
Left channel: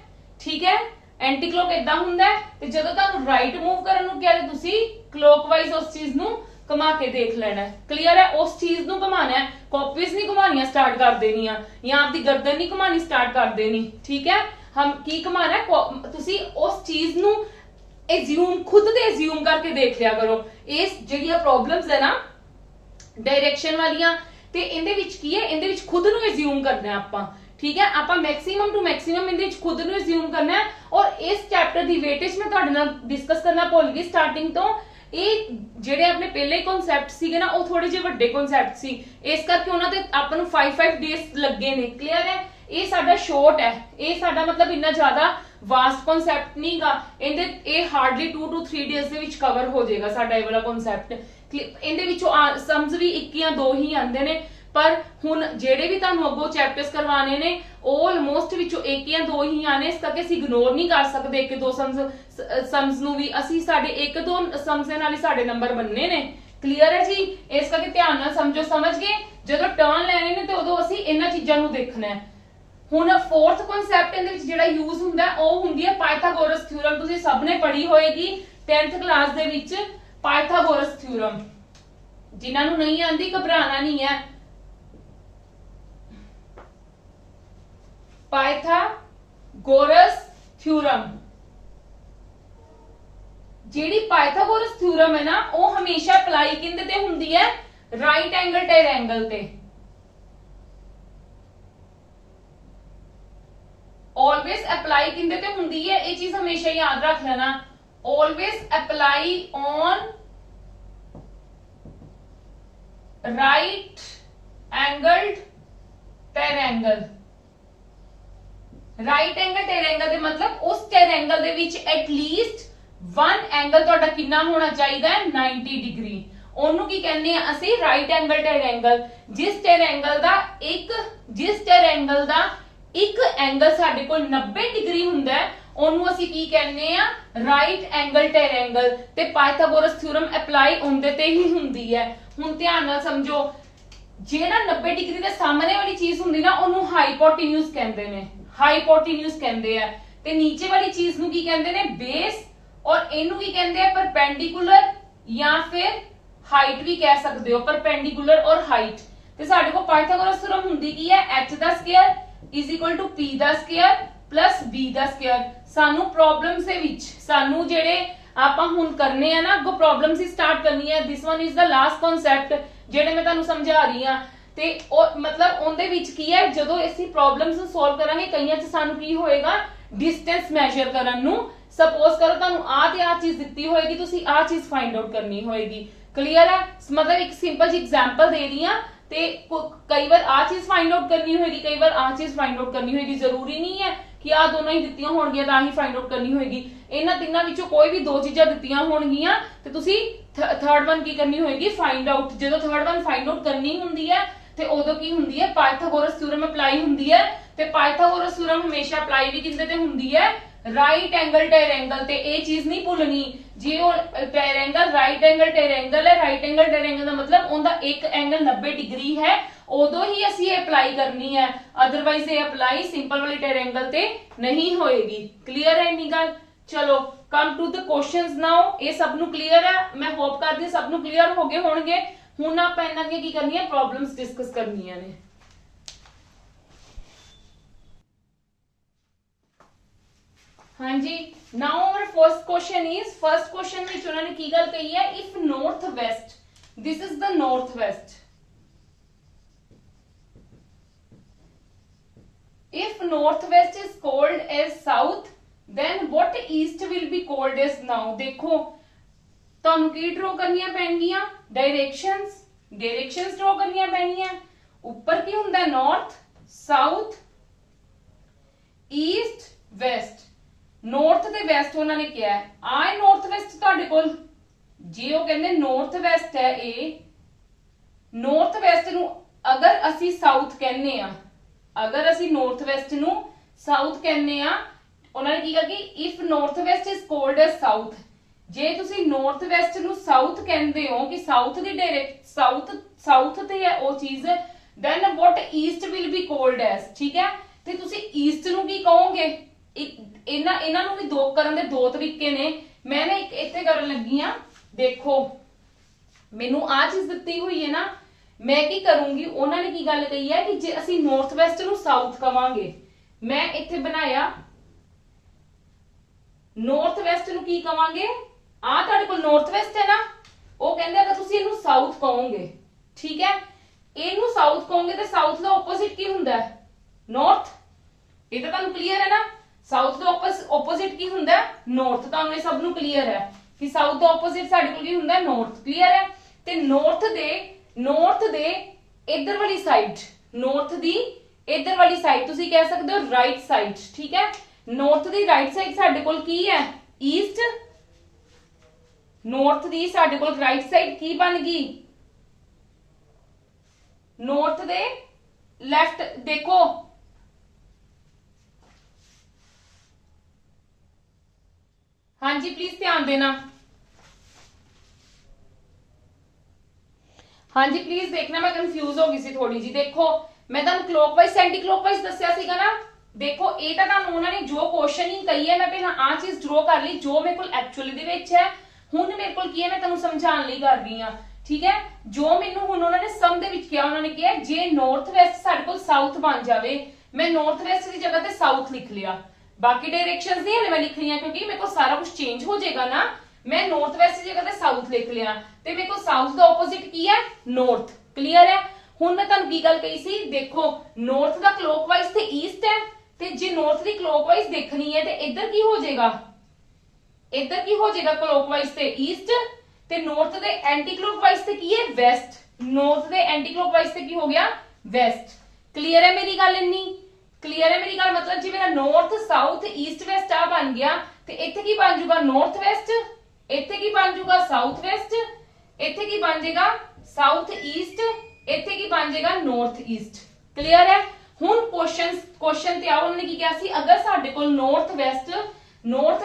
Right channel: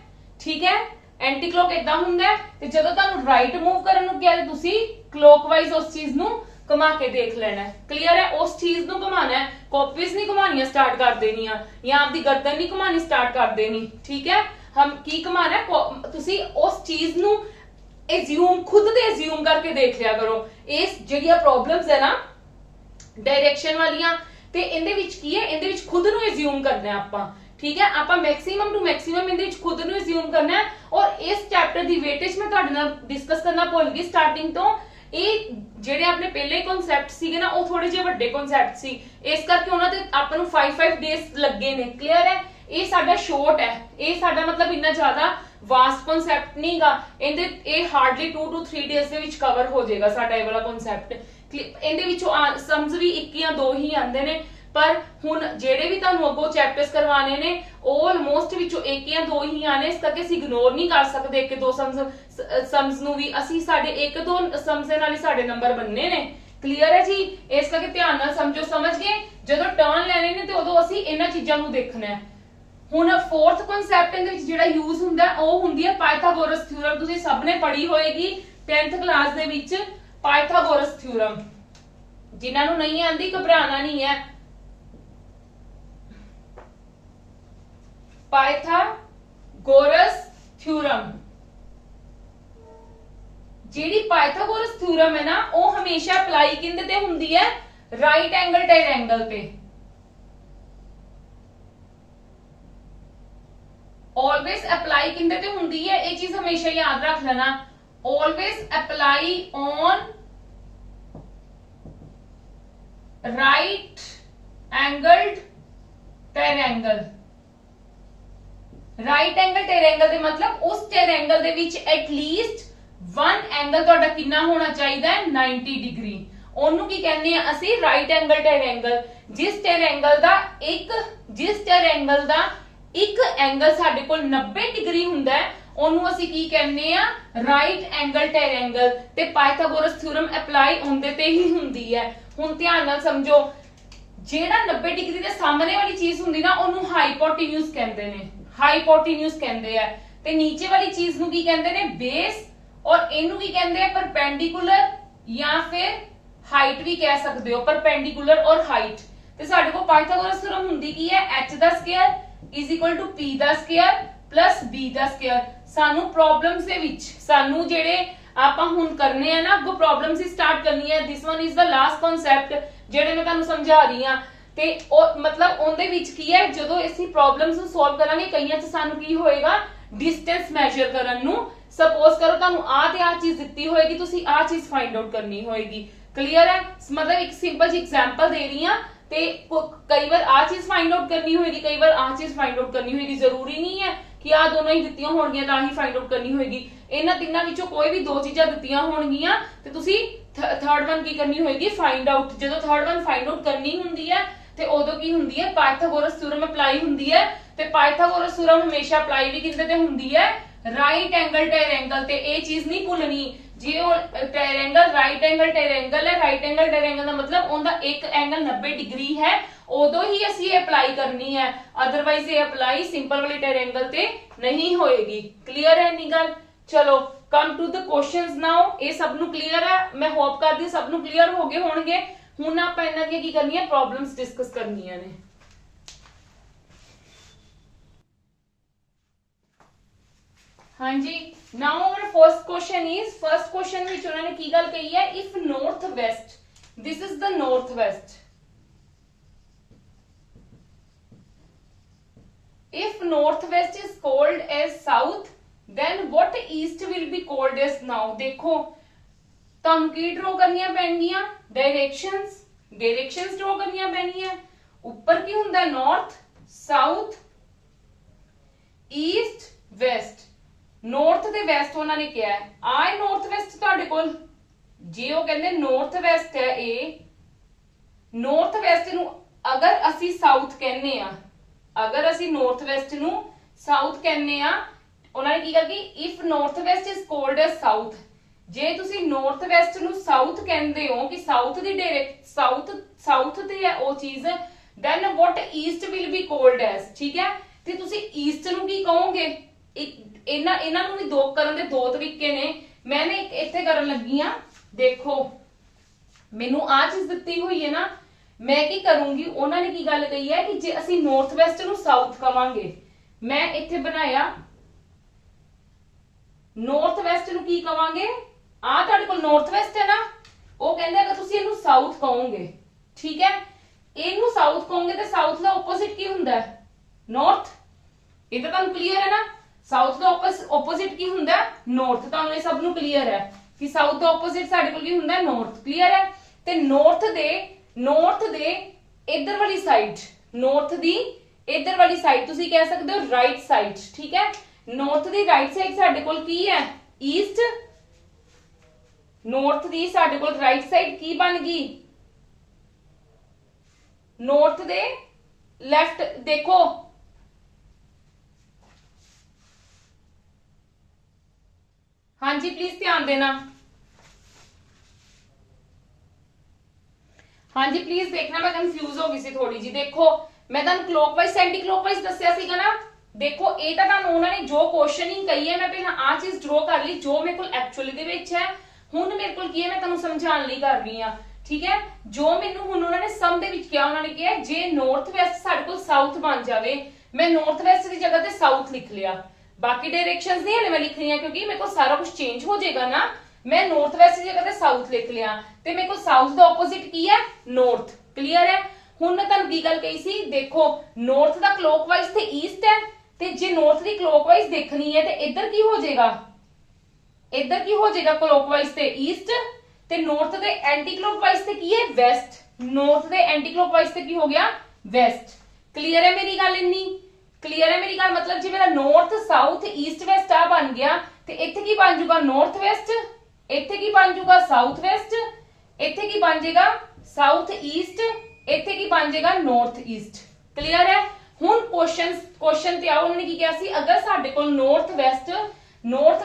ਠੀਕ ਹੈ, ਐਂਟੀ ਕਲੋਕ ਇਦਾਂ ਹੁੰਦਾ ਹੈ। ਤੇ ਜਦੋਂ ਤੁਹਾਨੂੰ ਰਾਈਟ ਮੂਵ ਕਰਨ ਨੂੰ ਕਿਹਾ ਤੇ ਤੁਸੀਂ ਕਲੋਕਵਾਈਜ਼ ਉਸ ਚੀਜ਼ ਨੂੰ ਘੁਮਾ ਕੇ ਦੇਖ ਲੈਣਾ ਹੈ। ਕਲੀਅਰ ਹੈ? ਉਸ ਚੀਜ਼ ਨੂੰ ਘੁਮਾਣਾ ਹੈ, ਕਾਪੀਜ਼ ਨਹੀਂ ਘੁਮਾਣੀਆਂ ਸਟਾਰਟ ਕਰ ਦੇਣੀਆਂ ਜਾਂ ਆਪਦੀ ਗਰਦਨ ਨਹੀਂ ਘੁਮਾਣੀ ਸਟਾਰਟ ਕਰ ਦੇਣੀ। ਠੀਕ ਹੈ, ਹਮ ਕੀ ਘੁਮਾਣਾ ਹੈ, ਤੁਸੀਂ ਉਸ ਚੀਜ਼ ਨੂੰ ਐਜ਼ਿਊਮ ਖੁਦ ਤੇ ਐਜ਼ਿਊਮ ਕਰਕੇ ਦੇਖ ਲਿਆ ਕਰੋ। ਇਸ ਜਿਹੜੀਆਂ ਪ੍ਰੋਬਲਮਸ ਹੈ ਨਾ ਡਾਇਰੈਕਸ਼ਨ ਵਾਲੀਆਂ, ਤੇ ਇਹਦੇ ਵਿੱਚ ਕੀ ਹੈ, ਇਹਦੇ ਵਿੱਚ ਖੁਦ ਨੂੰ ਐਜ਼ਿਊਮ ਕਰਨਾ ਆਪਾਂ। ਠੀਕ ਹੈ, ਆਪਾਂ ਮੈਕਸਿਮਮ ਟੂ ਮੈਕਸਿਮਮ ਇਹਦੇ ਵਿੱਚ ਖੁਦ ਨੂੰ ਐਜ਼ਿਊਮ ਕਰਨਾ ਹੈ। ਔਰ ਇਸ ਚੈਪਟਰ ਦੀ ਵੇਟੇਜ ਮੈਂ ਤੁਹਾਡੇ ਨਾਲ ਡਿਸਕਸ ਕਰਨਾ ਭੁੱਲ ਗਈ ਸਟਾਰਟਿੰਗ ਤੋਂ। ਇਹ ਜਿਹੜੇ ਆਪਣੇ ਪਹਿਲੇ ਕਨਸੈਪਟ ਸੀਗੇ ਨਾ, ਉਹ ਥੋੜੇ ਜਿਹੇ ਵੱਡੇ ਕਨਸੈਪਟ ਸੀ, ਇਸ ਕਰਕੇ ਉਹਨਾਂ ਤੇ ਆਪਾਂ ਨੂੰ 5 ਡੇਜ਼ ਲੱਗੇ ਨੇ। ਕਲੀਅਰ ਹੈ? ਇਹ ਸਾਡਾ ਸ਼ੋਰਟ ਹੈ, ਇਹ ਸਾਡਾ ਮਤਲਬ ਇੰਨਾ ਜ਼ਿਆਦਾ ਵਾਸਟ ਕਨਸੈਪਟ ਨਹੀਂਗਾ। ਇਹ ਹਾਰਡਲੀ 2 to 3 ਡੇਜ਼ ਦੇ ਵਿੱਚ ਕਵਰ ਹੋ ਜਾਏਗਾ ਸਾਡਾ ਇਹ ਵਾਲਾ ਕਨਸੈਪਟ। ਇਹਦੇ ਵਿੱਚੋਂ ਸਮਝ ਵੀ 1 ਜਾਂ 2 ਹੀ ਆਉਂਦੇ ਨੇ, ਪਰ ਹੁਣ ਜਿਹੜੇ ਵੀ ਤੁਹਾਨੂੰ ਅੱਗੋਂ ਚੈਪਟਰਸ ਕਰਵਾਣੇ ਨੇ ਉਹ ਆਲਮੋਸਟ ਵਿੱਚੋਂ 1 ਜਾਂ 2 ਹੀ ਆਣੇ। ਇਸ ਕਰਕੇ ਅਸੀਂ ਇਗਨੋਰ ਨਹੀਂ ਕਰ ਸਕਦੇ 1-2 ਸਮਸ ਨੂੰ ਵੀ। ਅਸੀਂ ਸਾਡੇ 1-2 ਸਮਸ ਦੇ ਨਾਲ ਹੀ ਸਾਡੇ ਨੰਬਰ ਬਣਨੇ ਨੇ। ਕਲੀਅਰ ਹੈ ਜੀ? ਇਸ ਕਰਕੇ ਧਿਆਨ ਨਾਲ ਸਮਝੋ। ਸਮਝ ਗਏ? ਜਦੋਂ ਟਰਨ ਲੈਣੇ ਨੇ ਤੇ ਉਦੋਂ ਅਸੀਂ ਇਹਨਾਂ ਚੀਜ਼ਾਂ ਨੂੰ ਦੇਖਣਾ ਹੈ। ਹੁਣ ਫੋਰਥ ਕਨਸੈਪਟ ਦੇ ਵਿੱਚ ਜਿਹੜਾ ਯੂਜ਼ ਹੁੰਦਾ ਉਹ ਹੁੰਦੀ ਹੈ ਪਾਇਥਾਗੋਰਸ ਥਿਊਰਮ। ਤੁਸੀਂ ਸਭ ਨੇ ਪੜ੍ਹੀ ਹੋਏਗੀ 10th ਕਲਾਸ ਦੇ ਵਿੱਚ ਪਾਇਥਾਗੋਰਸ ਥਿਊਰਮ। ਜਿਨ੍ਹਾਂ ਨੂੰ ਨਹੀਂ ਆਂਦੀ ਘਬਰਾਣਾ ਨਹੀਂ ਹੈ। ਪਾਇਥਾਗੋਰਸ ਥਿਊਰਮ, ਜਿਹੜੀ ਪਾਇਥਾਗੋਰਸ ਥਿਊਰਮ ਹੈ ਨਾ, ਉਹ ਹਮੇਸ਼ਾ ਅਪਲਾਈ ਕਿੰਦੇ ਤੇ ਹੁੰਦੀ ਹੈ, ਰਾਈਟ ਐਂਗਲ ਟ੍ਰਾਇੰਗਲ ਤੇ। ऑलवेज अप्लाई किंदे ते हुंदी है, ये चीज हमेशा याद रख लेना। Always apply on right angled triangle. Right angle triangle दे मतलब उस ट्रायंगल दे विच एटलीस्ट वन एंगल तुहाडा कितना होना चाहिए, 90 डिग्री। ਉਹਨੂੰ ਕੀ ਕਹਿੰਦੇ ਆ ਅਸੀਂ, ਰਾਈਟ ਐਂਗਲ ਟ੍ਰਾਇੰਗਲ। ਜਿਸ ਟ੍ਰਾਇੰਗਲ ਦਾ ਇੱਕ ਐਂਗਲ ਸਾਡੇ ਕੋਲ 90 ਡਿਗਰੀ ਹੁੰਦਾ ਹੈ, ਉਹਨੂੰ ਅਸੀਂ ਕੀ ਕਹਿੰਦੇ ਆ, ਰਾਈਟ ਐਂਗਲ ਟ੍ਰਾਇੰਗਲ। ਤੇ ਪਾਇਥਾਗੋਰਸ ਥਿਊਰਮ ਅਪਲਾਈ ਉਹਦੇ ਤੇ ਹੀ ਹੁੰਦੀ ਹੈ। ਹੁਣ ਧਿਆਨ ਨਾਲ ਸਮਝੋ, ਜਿਹੜਾ 90 ਡਿਗਰੀ ਦੇ ਸਾਹਮਣੇ ਵਾਲੀ ਚੀਜ਼ ਹੁੰਦੀ ਨਾ, ਉਹਨੂੰ ਹਾਈਪੋਟੇਨਿਊਸ ਕਹਿੰਦੇ ਨੇ, ਹਾਈਪੋਟੇਨਿਊਸ ਕਹਿੰਦੇ ਆ। ਤੇ ਨੀਚੇ ਵਾਲੀ ਚੀਜ਼ ਨੂੰ ਕੀ ਕਹਿੰਦੇ ਨੇ, ਬੇਸ। ਔਰ ਇਹਨੂੰ ਕੀ ਕਹਿੰਦੇ ਆ, ਪਰਪੈਂਡੀਕੂਲਰ ਜਾਂ ਫਿਰ ਹਾਈਟ ਵੀ ਕਹਿ ਸਕਦੇ ਹੋ, ਪਰਪੈਂਡੀਕੂਲਰ ਔਰ ਹਾਈਟ। ਤੇ ਸਾਡੇ ਕੋਲ ਪਾਇਥਾਗੋਰਸ ਥਿਊਰਮ ਹੁੰਦੀ ਕੀ ਹੈ, h the square is equal to p the square plus b the square. ਸਾਨੂੰ ਪ੍ਰੋਬਲਮਸ ਦੇ ਵਿੱਚ ਸਾਨੂੰ ਜਿਹੜੇ ਆਪਾਂ ਹੁਣ ਕਰਨੇ ਆ ਨਾ, ਅੱਗੋਂ ਪ੍ਰੋਬਲਮਸ ਹੀ ਸਟਾਰਟ ਕਰਨੀ ਹੈ। This one is the last concept ਜਿਹੜੇ ਮੈਂ ਤੁਹਾਨੂੰ ਸਮਝਾ ਰਹੀ ਹਾਂ। ਤੇ ਉਹ ਮਤਲਬ ਉਹਦੇ ਵਿੱਚ ਕੀ ਹੈ, ਜਦੋਂ ਅਸੀਂ ਪ੍ਰੋਬਲਮਸ ਨੂੰ ਸੋਲਵ ਕਰਾਂਗੇ, ਕਈਆਂ 'ਚ ਸਾਨੂੰ ਕੀ ਹੋਏਗਾ, ਡਿਸਟੈਂਸ ਮੈਜ਼ਰ ਕਰਨ ਨੂੰ। ਸਪੋਜ਼ ਕਰੋ ਤੁਹਾਨੂੰ ਆਹ ਤੇ ਆਹ ਚੀਜ਼ ਦਿੱਤੀ ਹੋਏਗੀ, ਤੁਸੀਂ ਆਹ ਚੀਜ਼ ਫਾਈਂਡ ਆਊਟ ਕਰਨੀ ਹੋਏਗੀ। ਕਲੀਅਰ ਹੈ? ਮਤਲਬ ਇੱਕ ਸਿੰਪਲ ਜਿਹੀ ਐਗਜ਼ਾਮਪਲ ਦੇ ਰਹੀ ਹਾਂ। ਤੇ ਕਈ ਵਾਰ ਆਹ ਚੀਜ਼ ਫਾਈਂਡ ਆਊਟ ਕਰਨੀ ਹੋਏਗੀ, ਕਈ ਵਾਰ ਆਹ ਚੀਜ਼ ਫਾਈਂਡ ਆਊਟ ਕਰਨੀ ਹੋਏਗੀ। ਜ਼ਰੂਰੀ ਨਹੀਂ ਹੈ ਕਿ ਆਹ ਦੋਨੋਂ ਹੀ ਦਿੱਤੀਆਂ ਹੋਣਗੀਆਂ ਤਾਂ ਹੀ ਫਾਈਂਡ ਆਊਟ ਕਰਨੀ ਹੋਏਗੀ। ਇਹਨਾਂ ਤਿੰਨਾਂ ਵਿੱਚੋਂ ਕੋਈ ਵੀ 2 ਚੀਜ਼ਾਂ ਦਿੱਤੀਆਂ ਹੋਣਗੀਆਂ ਤੇ ਤੁਸੀਂ ਥਰਡ ਵਨ ਕੀ ਕਰਨੀ ਹੋਏਗੀ, ਫਾਈਂਡ ਆਊਟ। ਜਦੋਂ ਥਰਡ ਵਨ ਫਾਈਂਡ ਆਊਟ ਕਰਨੀ ਹੁੰਦੀ ਹੈ ਤੇ ਉਦੋਂ ਕੀ ਹੁੰਦੀ ਹੈ, ਪਾਇਥਾਗੋਰਸ ਥਿਊਰਮ ਅਪਲਾਈ ਹੁੰਦੀ ਹੈ। ਤੇ ਪਾਇਥਾਗੋਰਸ ਥਿਊਰਮ ਹਮੇਸ਼ਾ ਅਪਲਾਈ ਵੀ ਕਿੰਦੇ ਤੇ ਹੁੰਦੀ ਹੈ, ਰਾਈਟ ਐਂਗਲ ਟ੍ਰਾਇੰਗਲ ਤੇ। ਇਹ ਚੀਜ਼ ਨਹੀਂ ਭੁੱਲਣੀ, ਜੇ ਉਹ ਟ੍ਰਾਇੰਗਲ ਰਾਈਟ ਐਂਗਲ ਟ੍ਰਾਇੰਗਲ ਹੈ, ਰਾਈਟ ਐਂਗਲ ਟ੍ਰਾਇੰਗਲ ਦਾ ਮਤਲਬ ਉਹਦਾ ਇੱਕ ਐਂਗਲ 90 ਡਿਗਰੀ ਹੈ, ਉਦੋਂ ਹੀ ਅਸੀਂ ਇਹ ਅਪਲਾਈ ਕਰਨੀ ਹੈ। ਅਦਰਵਾਈਜ਼ ਇਹ ਅਪਲਾਈ ਸਿੰਪਲ ਵਾਲੀ ਟ੍ਰਾਇੰਗਲ ਤੇ ਨਹੀਂ ਹੋਏਗੀ। ਕਲੀਅਰ ਹੈ ਇੰਨੀ ਗੱਲ? ਚਲੋ ਕਮ ਟੂ ਦ ਕੁਐਸਚਨਸ ਨਾਓ। ਇਹ ਸਭ ਨੂੰ ਕਲੀਅਰ ਹੈ? ਮੈਂ ਹੋਪ ਕਰਦੀ ਸਭ ਨੂੰ ਕਲੀਅਰ ਹੋ ਗਏ ਹੋਣਗੇ। ਹੁਣ ਆਪਾਂ ਇਹਨਾਂ ਦੀਆਂ ਕੀ ਕਰਨੀਆਂ, ਪ੍ਰੋਬਲਮਸ ਡਿਸਕਸ ਕਰਨੀਆਂ ਨੇ। हाँ जी, now our first question is, first question ਵਿੱਚ ਉਹਨਾਂ ਨੇ ਕੀ ਗੱਲ ਕਹੀ ਹੈ, if north west, this is the north west, if north west is called as south, then what east will be called as now। ਦੇਖੋ ਤੁਹਾਨੂੰ ਕੀ ਡਰਾ ਕਰਨੀਆਂ ਪੈਣਗੀਆਂ, ਡਾਇਰੈਕਸ਼ਨਸ ਡਰਾ ਕਰਨੀਆਂ ਪੈਣਗੀਆਂ। ਉੱਪਰ ਕੀ ਹੁੰਦਾ, north, south East West. North ਤੇ ਵੈਸਟ ਉਹਨਾਂ ਨੇ ਕਿਹਾ ਆ ਨੌਰਥ ਵੈਸਟ ਤੁਹਾਡੇ ਕੋਲ, ਜੇ ਉਹ ਕਹਿੰਦੇ ਨੌਰਥ ਵੈਸਟ ਹੈ ਇਹ, ਨੌਰਥ ਵੈਸਟ ਨੂੰ ਅਗਰ ਅਸੀਂ ਸਾਊਥ ਕਹਿੰਦੇ ਆ, ਅਗਰ ਅਸੀਂ ਨੌਰਥ ਵੈਸਟ ਨੂੰ ਸਾਊਥ ਕਹਿੰਦੇ ਆ, ਉਹਨਾਂ ਨੇ ਕੀ ਕਿਹਾ ਕਿ if north West is cold as south, ਜੇ ਤੁਸੀਂ ਨੌਰਥ ਵੈਸਟ ਨੂੰ ਸਾਊਥ ਕਹਿੰਦੇ ਹੋ ਕਿ ਸਾਊਥ ਦੀ ਡਾਇਰੈਕਟ ਸਾਊਥ ਤੇ ਹੈ ਉਹ ਚੀਜ਼, then what east will be called as, ਠੀਕ ਹੈ। ਤੇ ਤੁਸੀਂ ਈਸਟ ਨੂੰ ਕੀ ਕਹੋਗੇ? ਇਹਨਾਂ ਨੂੰ ਵੀ ਦੋ ਕਰਨ ਦੇ ਦੋ ਤਰੀਕੇ ਨੇ। ਮੈਂ ਨਾ ਇੱਕ ਇੱਥੇ ਕਰਨ ਲੱਗੀ ਆ, ਦੇਖੋ ਮੈਨੂੰ ਆ ਚੀਜ਼ ਦਿੱਤੀ ਹੋਈ ਹੈ ਨਾ, ਮੈਂ ਕੀ ਕਰੂੰਗੀ, ਉਹਨਾਂ ਨੇ ਕੀ ਗੱਲ ਕਹੀ ਹੈ ਕਿ ਜੇ ਅਸੀਂ ਨਾਰਥ ਵੈਸਟ ਨੂੰ ਸਾਊਥ ਕਵਾਂਗੇ, ਮੈਂ ਇੱਥੇ ਬਣਾਇਆ ਨਾਰਥ ਵੈਸਟ ਨੂੰ ਕੀ ਕਵਾਂਗੇ, ਆ ਤੁਹਾਡੇ ਕੋਲ ਨਾਰਥ ਵੈਸਟ ਹੈ ਨਾ, ਉਹ ਕਹਿੰਦੇ ਅਗਰ ਤੁਸੀਂ ਇਹਨੂੰ ਸਾਊਥ ਕਹੋਗੇ, ਠੀਕ ਹੈ, ਇਹਨੂੰ ਸਾਊਥ ਕਹੋਗੇ ਤੇ ਸਾਊਥ ਦਾ ਆਪੋਜ਼ਿਟ ਕੀ ਹੁੰਦਾ ਹੈ? ਨਾਰਥ। ਇਹ ਤਾਂ ਤੁਹਾਨੂੰ ਕਲੀਅਰ ਹੈ ਨਾ, ਸਾਊਥ ਦਾ ਆਪੋਜ਼ਿਟ ਕੀ ਹੁੰਦਾ ਹੈ? ਨਾਰਥ। ਤੁਹਾਨੂੰ ਇਹ ਸਭ ਨੂੰ ਕਲੀਅਰ ਹੈ ਕਿ ਸਾਊਥ ਦਾ ਆਪੋਜ਼ਿਟ ਸਾਡੇ ਕੋਲ ਕੀ ਹੁੰਦਾ ਹੈ? ਨਾਰਥ। ਕਲੀਅਰ ਹੈ। ਤੇ ਨਾਰਥ ਦੇ ਇਧਰ ਵਾਲੀ ਸਾਈਡ, ਨਾਰਥ ਦੀ ਇਧਰ ਵਾਲੀ ਸਾਈਡ ਤੁਸੀਂ ਕਹਿ ਸਕਦੇ ਹੋ ਰਾਈਟ ਸਾਈਡ, ਠੀਕ ਹੈ। ਨਾਰਥ ਦੀ ਰਾਈਟ ਸਾਈਡ ਸਾਡੇ ਕੋਲ ਕੀ ਹੈ? ਈਸਟ। ਨਾਰਥ ਦੀ ਸਾਡੇ ਕੋਲ ਰਾਈਟ ਸਾਈਡ ਕੀ ਬਣ ਗਈ? ਨਾਰਥ ਦੇ ਲੈਫਟ। ਦੇਖੋ ਹਾਂਜੀ ਪਲੀਜ਼ ਧਿਆਨ ਦੇਣਾ, ਹਾਂਜੀ ਪਲੀਜ਼ ਦੇਖਣਾ, ਮੈਂ ਕੰਫਿਊਜ਼ ਹੋ ਗਈ ਸੀ ਥੋੜੀ ਜੀ। ਦੇਖੋ ਮੈਂ ਤੁਹਾਨੂੰ ਕਲੋਕਵਾਈਜ਼ ਐਂਟੀ ਕਲੋਕਵਾਈਜ਼ ਦੱਸਿਆ ਸੀਗਾ ਨਾ, ਦੇਖੋ ਇਹ ਤਾਂ ਤੁਹਾਨੂੰ ਉਹਨਾਂ ਨੇ ਜੋ ਕੁਐਸਚਨਿੰਗ ਕਹੀ ਹੈ, ਮੈਂ ਪਹਿਲਾਂ ਆ ਚੀਜ਼ ਡਰਾ ਕਰ ਲਈ ਜੋ ਮੇਰੇ ਕੋਲ ਐਕਚੁਅਲੀ ਦੇ ਵਿੱਚ ਹੈ। ਹੁਣ ਮੇਰੇ ਕੋਲ ਕੀ ਹੈ, ਮੈਂ ਤੁਹਾਨੂੰ ਸਮਝਾਉਣ ਲਈ ਕਰ ਰਹੀ ਹਾਂ, ਠੀਕ ਹੈ। ਜੋ ਮੈਨੂੰ ਹੁਣ ਉਹਨਾਂ ਨੇ ਸਮ ਦੇ ਵਿੱਚ ਕਿਹਾ, ਉਹਨਾਂ ਨੇ ਕਿਹਾ ਜੇ ਨਾਰਥ ਵੈਸਟ ਸਾਡੇ ਕੋਲ ਸਾਊਥ ਬਣ ਜਾਵੇ, ਮੈਂ ਨਾਰਥ ਵੈਸਟ ਦੀ ਜਗ੍ਹਾ ਤੇ ਸਾਊਥ ਲਿਖ ਲਿਆ, ਬਾਕੀ ਡਾਇਰੈਕਸ਼ਨਸ ਨਹੀਂ ਹਲੇ ਮੈਂ ਲਿਖਣੀਆਂ ਕਿਉਂਕਿ ਮੇਰੇ ਕੋਲ ਸਾਰਾ ਕੁਝ ਚੇਂਜ ਹੋ ਜਾਏਗਾ ਨਾ। ਮੈਂ ਨਾਰਥ ਵੈਸਟ ਦੀ ਜਗ੍ਹਾ ਤੇ ਸਾਊਥ ਲਿਖ ਲਿਆ ਤੇ ਮੇਰੇ ਕੋਲ ਸਾਊਥ ਦਾ ਆਪੋਜ਼ਿਟ ਕੀ ਹੈ? ਨਾਰਥ। ਕਲੀਅਰ ਹੈ। ਹੁਣ ਮੈਂ ਤੁਹਾਨੂੰ ਕੀ ਗੱਲ ਕਹੀ ਸੀ, ਦੇਖੋ ਨਾਰਥ ਦਾ ਕਲੋਕਵਾਈਜ਼ ਤੇ ਈਸਟ ਹੈ, ਤੇ ਜੇ ਨਾਰਥ ਦੀ ਕਲੋਕਵਾਈਜ਼ ਦੇਖਣੀ ਹੈ ਤੇ ਇੱਧਰ ਕੀ ਹੋ ਜਾਏਗਾ? ਇੱਧਰ ਕੀ ਹੋ ਜਾਏਗਾ? ਕਲੋਕਵਾਈਜ਼ ਤੇ ਈਸਟ, ਤੇ ਨਾਰਥ ਦੇ ਐਂਟੀ ਕਲੋਕਵਾਈਜ਼ ਤੇ ਕੀ ਹੈ? ਵੈਸਟ। ਨਾਰਥ ਦੇ ਐਂਟੀ ਕਲੋਕਵਾਈਜ਼ ਤੇ ਕੀ ਹੋ ਗਿਆ? ਵੈਸਟ। ਕਲੀਅਰ ਹੈ ਮੇਰੀ ਗੱਲ? ਇੰਨੀ ਕਲੀਅਰ ਹੈ ਮੇਰੀ ਗੱਲ? ਮਤਲਬ ਜੇ ਮੇਰਾ ਨਾਰਥ ਸਾਊਥ ਈਸਟ ਵੈਸਟ ਆ ਬਣ ਗਿਆ ਤੇ ਇੱਥੇ ਕੀ ਬਣ ਜਾਊਗਾ? North West. ਇੱਥੇ ਕੀ ਬਣ ਜਾਊਗਾ? South West. ਇੱਥੇ ਕੀ ਬਣ ਜਾਏਗਾ? South East. ਇੱਥੇ ਕੀ ਬਣ ਜਾਏਗਾ? North East. ਕਲੀਅਰ ਹੈ। ਹੁਣ ਕੁਐਸਚਨ ਤੇ ਆਓ, ਉਹਨਾਂ ਨੇ ਕੀ ਕਿਹਾ ਸੀ, ਅਗਰ ਸਾਡੇ ਕੋਲ ਨਾਰਥ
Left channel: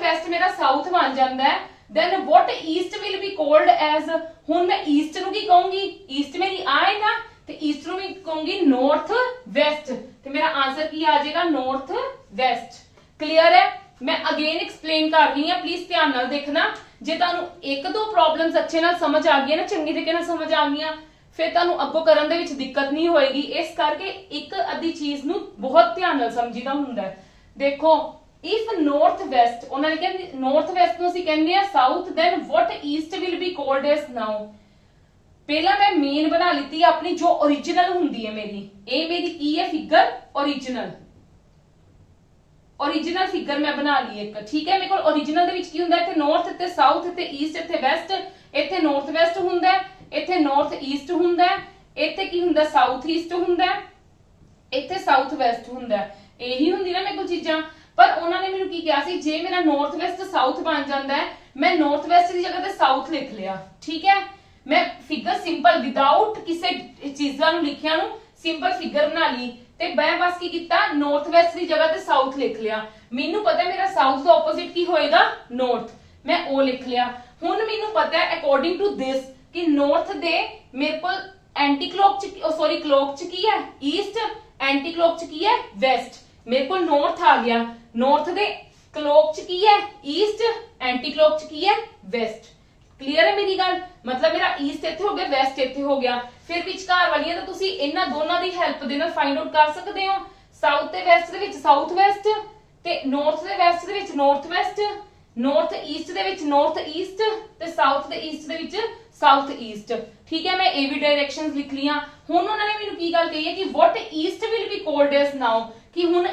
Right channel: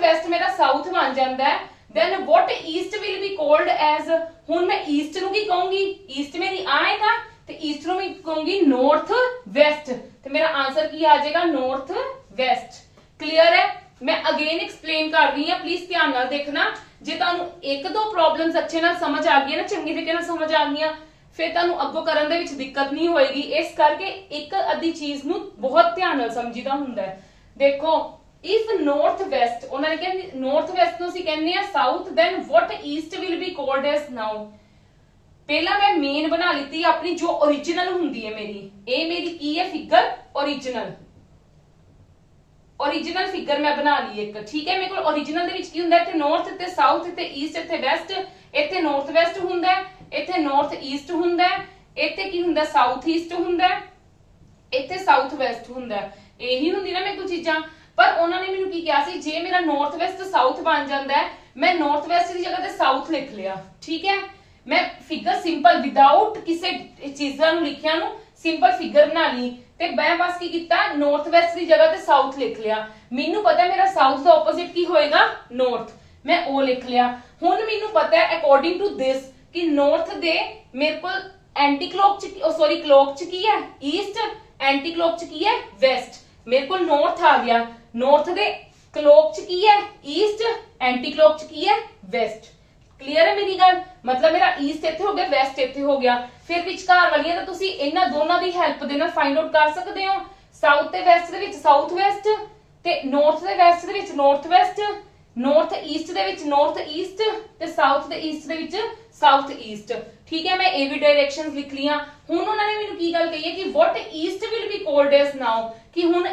ਵੈਸਟ ਮੇਰਾ ਸਾਊਥ ਬਣ ਜਾਂਦਾ ਹੈ, then what east will be called as, ਹੁਣ ਮੈਂ ਈਸਟ ਨੂੰ ਕੀ ਕਹੂੰਗੀ? ਈਸਟ ਮੇਰੀ ਆ ਹੈ ਨਾ, ਤੇ ਈਸਟ ਨੂੰ ਮੈਂ ਕਹੂੰਗੀ ਨਾਰਥ ਵੈਸਟ, ਤੇ ਮੇਰਾ ਆਨਸਰ ਕੀ ਆ ਜਾਏਗਾ? North West. ਕਲੀਅਰ ਹੈ। ਮੈਂ ਅਗੇਨ ਐਕਸਪਲੇਨ ਕਰ ਰਹੀ ਹਾਂ, ਪਲੀਜ਼ ਧਿਆਨ ਨਾਲ ਦੇਖਣਾ। ਜੇ ਤੁਹਾਨੂੰ ਇੱਕ ਦੋ ਪ੍ਰੋਬਲਮਸ ਅੱਛੇ ਨਾਲ ਸਮਝ ਆ ਗਈਆਂ ਨਾ, ਚੰਗੀ ਤਰੀਕੇ ਨਾਲ ਸਮਝ ਆ ਗਈਆਂ, ਫਿਰ ਤੁਹਾਨੂੰ ਅੱਗੋਂ ਕਰਨ ਦੇ ਵਿੱਚ ਦਿੱਕਤ ਨਹੀਂ ਹੋਏਗੀ। ਇਸ ਕਰਕੇ ਇੱਕ ਅੱਧੀ ਚੀਜ਼ ਨੂੰ ਬਹੁਤ ਧਿਆਨ ਨਾਲ ਸਮਝੀਦਾ ਹੁੰਦਾ ਹੈ। ਦੇਖੋ ਇਫ ਨਾਰਥ ਵੈਸਟ, ਉਹਨਾਂ ਨੇ ਕਿਹਾ ਨਾਰਥ ਵੈਸਟ ਨੂੰ ਅਸੀਂ ਕਹਿੰਦੇ ਆ south, then what east will be called as now. ਪਹਿਲਾਂ ਮੈਂ ਮੇਨ ਬਣਾ ਲਿੱਤੀ ਆਪਣੀ ਜੋ ओरिजिनल ਹੁੰਦੀ ਹੈ ਮੇਰੀ, ਇਹ ਮੇਰੀ ਕੀ ਹੈ? ਫਿਗਰ ओरिजिनल ਫਿਗਰ ਮੈਂ ਬਣਾ ਲਈ ਇੱਕ, ਠੀਕ ਹੈ। ਮੇਰੇ ਕੋਲ ओरिजिनल ਦੇ ਵਿੱਚ ਕੀ ਹੁੰਦਾ? ਇੱਥੇ ਨਾਰਥ, ਇੱਥੇ ਸਾਊਥ, ਇੱਥੇ ਈਸਟ, ਇੱਥੇ ਵੈਸਟ, ਇੱਥੇ ਨਾਰਥ ਵੈਸਟ ਹੁੰਦਾ, ਇੱਥੇ ਨਾਰਥ ਈਸਟ ਹੁੰਦਾ, ਇੱਥੇ ਕੀ ਹੁੰਦਾ? ਸਾਊਥ ਈਸਟ ਹੁੰਦਾ, ਇੱਥੇ ਸਾਊਥ ਵੈਸਟ ਹੁੰਦਾ। ਇਹੀ ਹੁੰਦੀ ਨਾ ਮੇਰੇ ਕੋਲ ਚੀਜ਼ਾਂ। ਪਰ ਉਹਨਾਂ ਨੇ ਮੈਨੂੰ ਕੀ ਕਿਹਾ ਸੀ, ਜੇ ਮੇਰਾ ਨਾਰਥ ਵੈਸਟ ਸਾਊਥ ਬਣ ਜਾਂਦਾ ਹੈ, ਮੈਂ ਨਾਰਥ ਵੈਸਟ ਦੀ ਜਗ੍ਹਾ ਤੇ ਸਾਊਥ ਲਿਖ ਲਿਆ, ਠੀਕ ਹੈ। ਮੈਂ ਫਿਗਰ ਸਿੰਪਲ ਵਿਦਆਊਟ ਕਿਸੇ ਚੀਜ਼ਾਂ ਨੂੰ ਲਿਖਿਆ ਨੂੰ ਸਿੰਪਲ ਫਿਗਰ ਬਣਾ ਲਈ, ਤੇ ਮੈਂ ਬਸ ਕੀ ਕੀਤਾ? ਨਾਰਥ ਵੈਸਟ ਦੀ ਜਗ੍ਹਾ ਤੇ ਸਾਊਥ ਲਿਖ ਲਿਆ। ਮੈਨੂੰ ਪਤਾ ਮੇਰਾ ਸਾਊਥ ਦਾ ਆਪੋਜ਼ਿਟ ਕੀ ਹੋਏਗਾ? ਨਾਰਥ। ਮੈਂ ਉਹ ਲਿਖ ਲਿਆ। ਹੁਣ ਮੈਨੂੰ ਪਤਾ ਹੈ ਅਕੋਰਡਿੰਗ ਟੂ ਦਿਸ ਕਿ ਨਾਰਥ ਦੇ ਮੇਰੇ ਕੋਲ ਐਂਟੀ ਕਲੌਕ ਚ ਕਲੌਕ ਚ ਕੀ ਹੈ? ਈਸਟ। ਐਂਟੀ ਕਲੌਕ ਚ ਕੀ ਹੈ? ਵੈਸਟ। ਮੇਰੇ ਕੋਲ ਨਾਰਥ ਆ ਗਿਆ। ਨਾਰਥ ਦੇ ਕਲੌਕ ਚ ਕੀ ਹੈ? ਈਸਟ। ਐਂਟੀ ਕਲੌਕ ਚ ਕੀ ਹੈ? ਵੈਸਟ। ਕਲੀਅਰ ਹੈ ਮੇਰੀ ਗੱਲ? ਮਤਲਬ ਮੇਰਾ ਈਸਟ ਇੱਥੇ ਹੋ ਗਿਆ, ਵੈਸਟ ਇੱਥੇ ਹੋ ਗਿਆ। ਫਿਰ ਵਿਚਕਾਰ ਵਾਲੀਆਂ ਤਾਂ ਤੁਸੀਂ ਇਹਨਾਂ ਦੋਨਾਂ ਦੀ ਹੈਲਪ ਦੇ ਨਾਲ ਫਾਈਂਡ ਆਊਟ ਕਰ ਸਕਦੇ ਹੋ। ਸਾਊਥ ਤੇ ਵੈਸਟ ਦੇ ਵਿੱਚ ਸਾਊਥ ਵੈਸਟ, ਤੇ ਨਾਰਥ ਤੇ ਵੈਸਟ ਦੇ ਵਿੱਚ ਨਾਰਥ ਵੈਸਟ, ਨਾਰਥ ਈਸਟ ਦੇ ਵਿੱਚ ਨਾਰਥ ਈਸਟ, ਤੇ ਸਾਊਥ ਤੇ ਈਸਟ ਦੇ ਵਿੱਚ ਸਾਊਥ ਈਸਟ। ਠੀਕ ਹੈ, ਮੈਂ ਇਹ ਵੀ ਡਾਇਰੈਕਸ਼ਨਸ ਲਿਖ ਲੀਆਂ। ਹੁਣ ਉਹਨਾਂ ਨੇ ਮੈਨੂੰ ਕੀ ਗੱਲ ਕਹੀ ਹੈ ਕਿ what east will be called as now, ਕਿ ਹੁਣ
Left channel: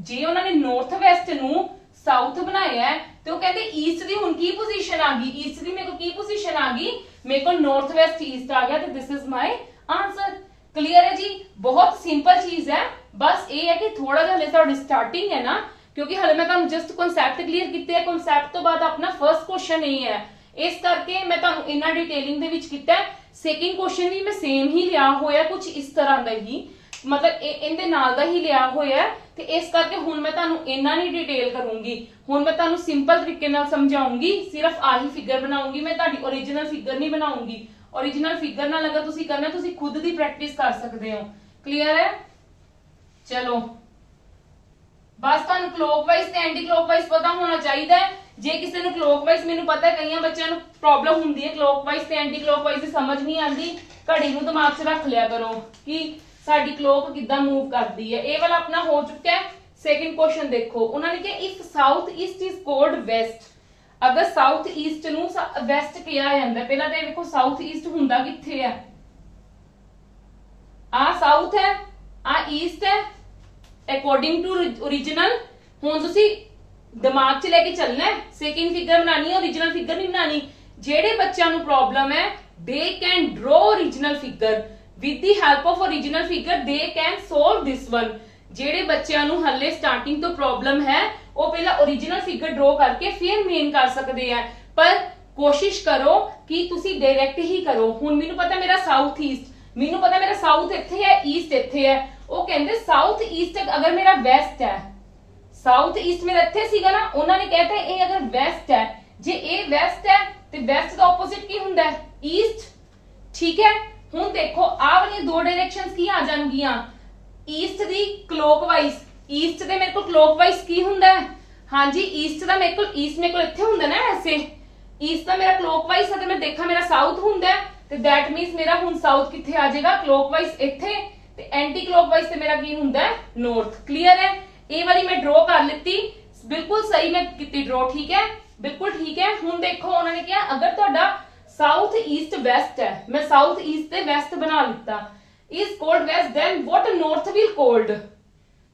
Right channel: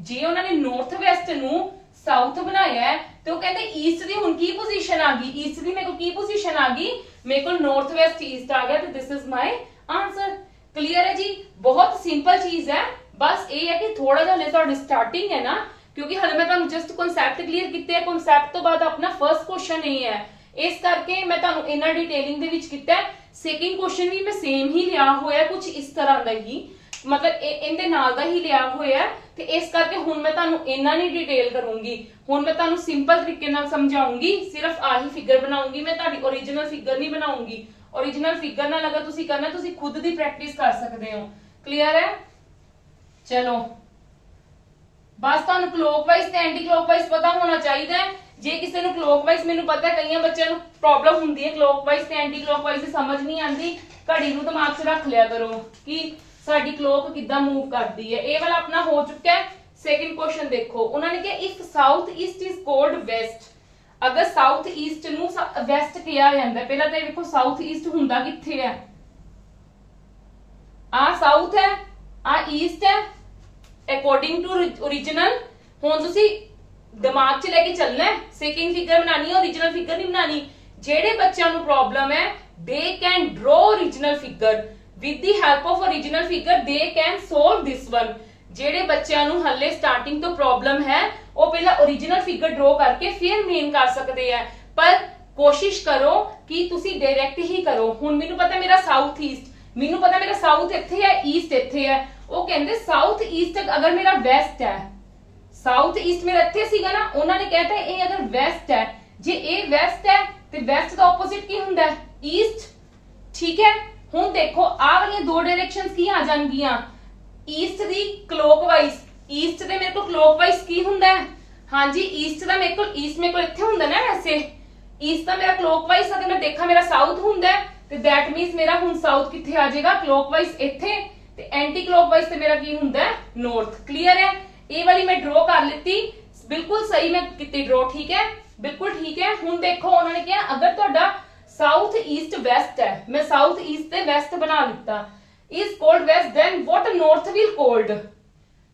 ਜੇ ਉਹਨਾਂ ਨੇ ਨਾਰਥ ਵੈਸਟ ਨੂੰ ਸਾਊਥ ਬਣਾਇਆ ਹੈ ਤੇ ਉਹ ਕਹਿੰਦੇ ਈਸਟ ਦੀ ਹੁਣ ਕੀ ਪੋਜੀਸ਼ਨ ਆ ਗਈ? ਈਸਟ ਦੀ ਮੇਰੇ ਕੋਲ ਕੀ ਪੋਜੀਸ਼ਨ ਆ ਗਈ? ਮੇਰੇ ਕੋਲ ਨਾਰਥ ਵੈਸਟ ਈਸਟ ਆ ਗਿਆ, ਤੇ this is my answer. Clear ਹੈ ਜੀ? ਬਹੁਤ ਸਿੰਪਲ ਚੀਜ਼ ਹੈ, बस ये है कि थोड़ा जिहा हले तुहाडी स्टार्टिंग है ना, क्योंकि हले मैं तुहानू जस्ट कॉन्सैप्ट क्लीयर कीते है, कॉन्सैप्ट तो बाद अपना फर्स्ट क्वेश्चन नहीं है, इस करके मैं तुहानू इन्ना डिटेलिंग दे विच कीता है। सेकंड क्वेश्चन भी मैं सेम ही लिया होया, कुछ इस तरह का ही, मतलब इनदे नाल दा ही लिया होया, ते इस करके हुण मैं तुहानू इन्ना नहीं डिटेल करूंगी। हुण मैं तुहानू सिंपल तरीके नाल समझाऊंगी, सिर्फ आही फिगर बनाऊंगी, मैं तुहाडी ओरिजिनल फिगर नहीं बनाऊंगी। ओरिजिनल फिगर नाल अगर तुसी करना तुसी खुद दी प्रैक्टिस कर सकते हो। क्लियर है? चलो बस तुहानू क्लॉकवाइज ते एंटी क्लॉकवाइज पता होना चाहिए। जे किसी ने क्लॉकवाइज, मैनू पता है कई बच्चों को प्रॉब्लम होंदी है क्लॉकवाइज ते एंटी क्लॉकवाइज दी समझ नहीं आती, घड़ी नू दिमाग च रख लिया करो कि साडी क्लॉक किद्दां मूव करदी है। ये वाला अपना हो चुका है। सेकंड क्वेश्चन देखो, उन्होंने कहा if south east is called west, अगर साउथ ईस्ट नू वेस्ट कहा जाता है, पहला तो देखो साउथ ईस्ट हुंदा कित्थे है, आ साउथ है, आ ईस्ट है अकॉर्डिंग टू ओरिजिनल। हुण तुसी दिमाग च लेके चलना है, सेकंड फिगर बनानी है, ओरिजिनल फिगर नहीं बनानी। जेड़े बच्चों को प्रॉब्लम है they can draw original figure with the help of original figure, they can solve this one. जेड़े बच्चों को हले स्टार्टिंग तो प्रॉब्लम है वो पहला ओरिजिनल फिगर ड्रॉ करके फिर मेन कर सकते हैं, पर कोशिश करो कि तुसी डायरेक्ट ही करो। हुण मैनू पता मेरा साउथ ईस्ट, मैनू पता मेरा साउथ इत्थे है, ईस्ट इत्थे है, वो कहंदे साउथ ईस्ट अगर मेरा वेस्ट है, साउथ ईस्ट मेरा इत्थे सीगा ना, उन्होंने कहता है ये अगर वेस्ट है, जे ये वेस्ट है तो वेस्ट का ऑपोजिट की हुंदा है ईस्ट। ठीक है, हुण देखो आ वाली दो डायरेक्शंस की आ जाणगियां, ईस्ट दी क्लॉकवाइज, ईस्ट दे मेरे को क्लॉकवाइज की हुंदा है, हां जी ईस्ट दा मेरे को ईस्ट मेरे को इत्थे हुंदा ना, वैसे ईस्ट दा मेरा क्लॉकवाइज अगर मैं देखा मेरा साउथ हुंदा है तो दैट मींस मेरा हुण साउथ कित्थे आ जाएगा, क्लॉकवाइज इत्थे, ते एंटी क्लॉकवाइज ते मेरा की हुंदा है नॉर्थ। क्लियर है? ये वाली मैं ड्रॉ कर लेती, बिल्कुल सही मैं की ड्रॉ, ठीक है बिल्कुल ठीक है। हुण देखो उन्होंने कहा अगर तुहाडा साउथ ईस्ट वेस्ट है, मैं साउथ ईस्ट ते वेस्ट बना लिता, is called west, then what north will called,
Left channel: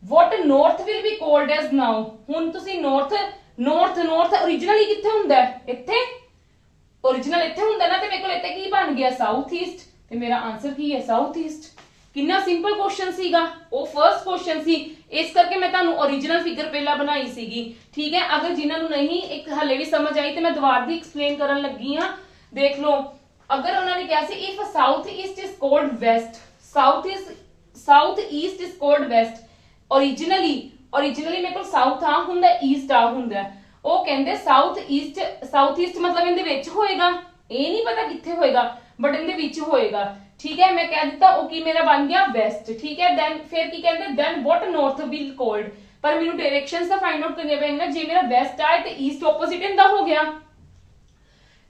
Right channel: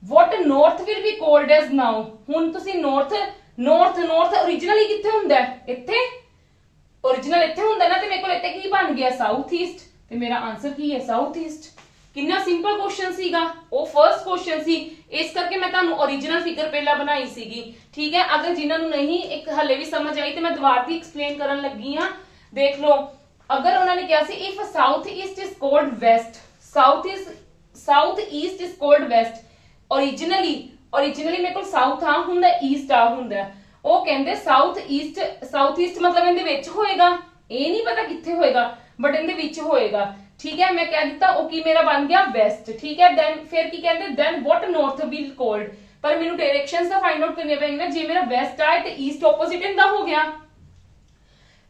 what north will be called as now. हुण तुसी नॉर्थ नॉर्थ नॉर्थ ओरिजिनली कित्थे हुंदा है, इत्थे ओरिजिनल इत्थे हुंदा ना, ते मेरे कोल इत्थे की बन गया साउथ ईस्ट, ते मेरा आंसर की है साउथ ईस्ट। कितना सिंपल क्वेश्चन सीगा, वो फर्स्ट क्वेश्चन सी, इस करके मैं तुहानू ओरिजिनल फिगर पहला बनाई सीगी। ठीक है, अगर जिन्हां नू नहीं एक हले भी समझ आई तो मैं दोबारा दी एक्सप्लेन करन लगी हां। देख लो, अगर उन्होंने कहा see if south east is called west, south east is called west, originally मेरे को साउथ आ हुंदा, ईस्ट आ हुंदा, वो कहंदे साउथ ईस्ट मतलब इनदे विच होएगा, ये नहीं पता कित्थे होएगा बट इनदे विच होएगा। ठीक है, मैं कह दिता वो की मेरा बन गया वेस्ट। ठीक है, देन फिर की कहते then what north will called, पर मेनू डायरेक्शंस दा फाइंड आउट करने पेंगे। जे मेरा वेस्ट आए तो ईस्ट ऑपोजिट इंदा हो गया,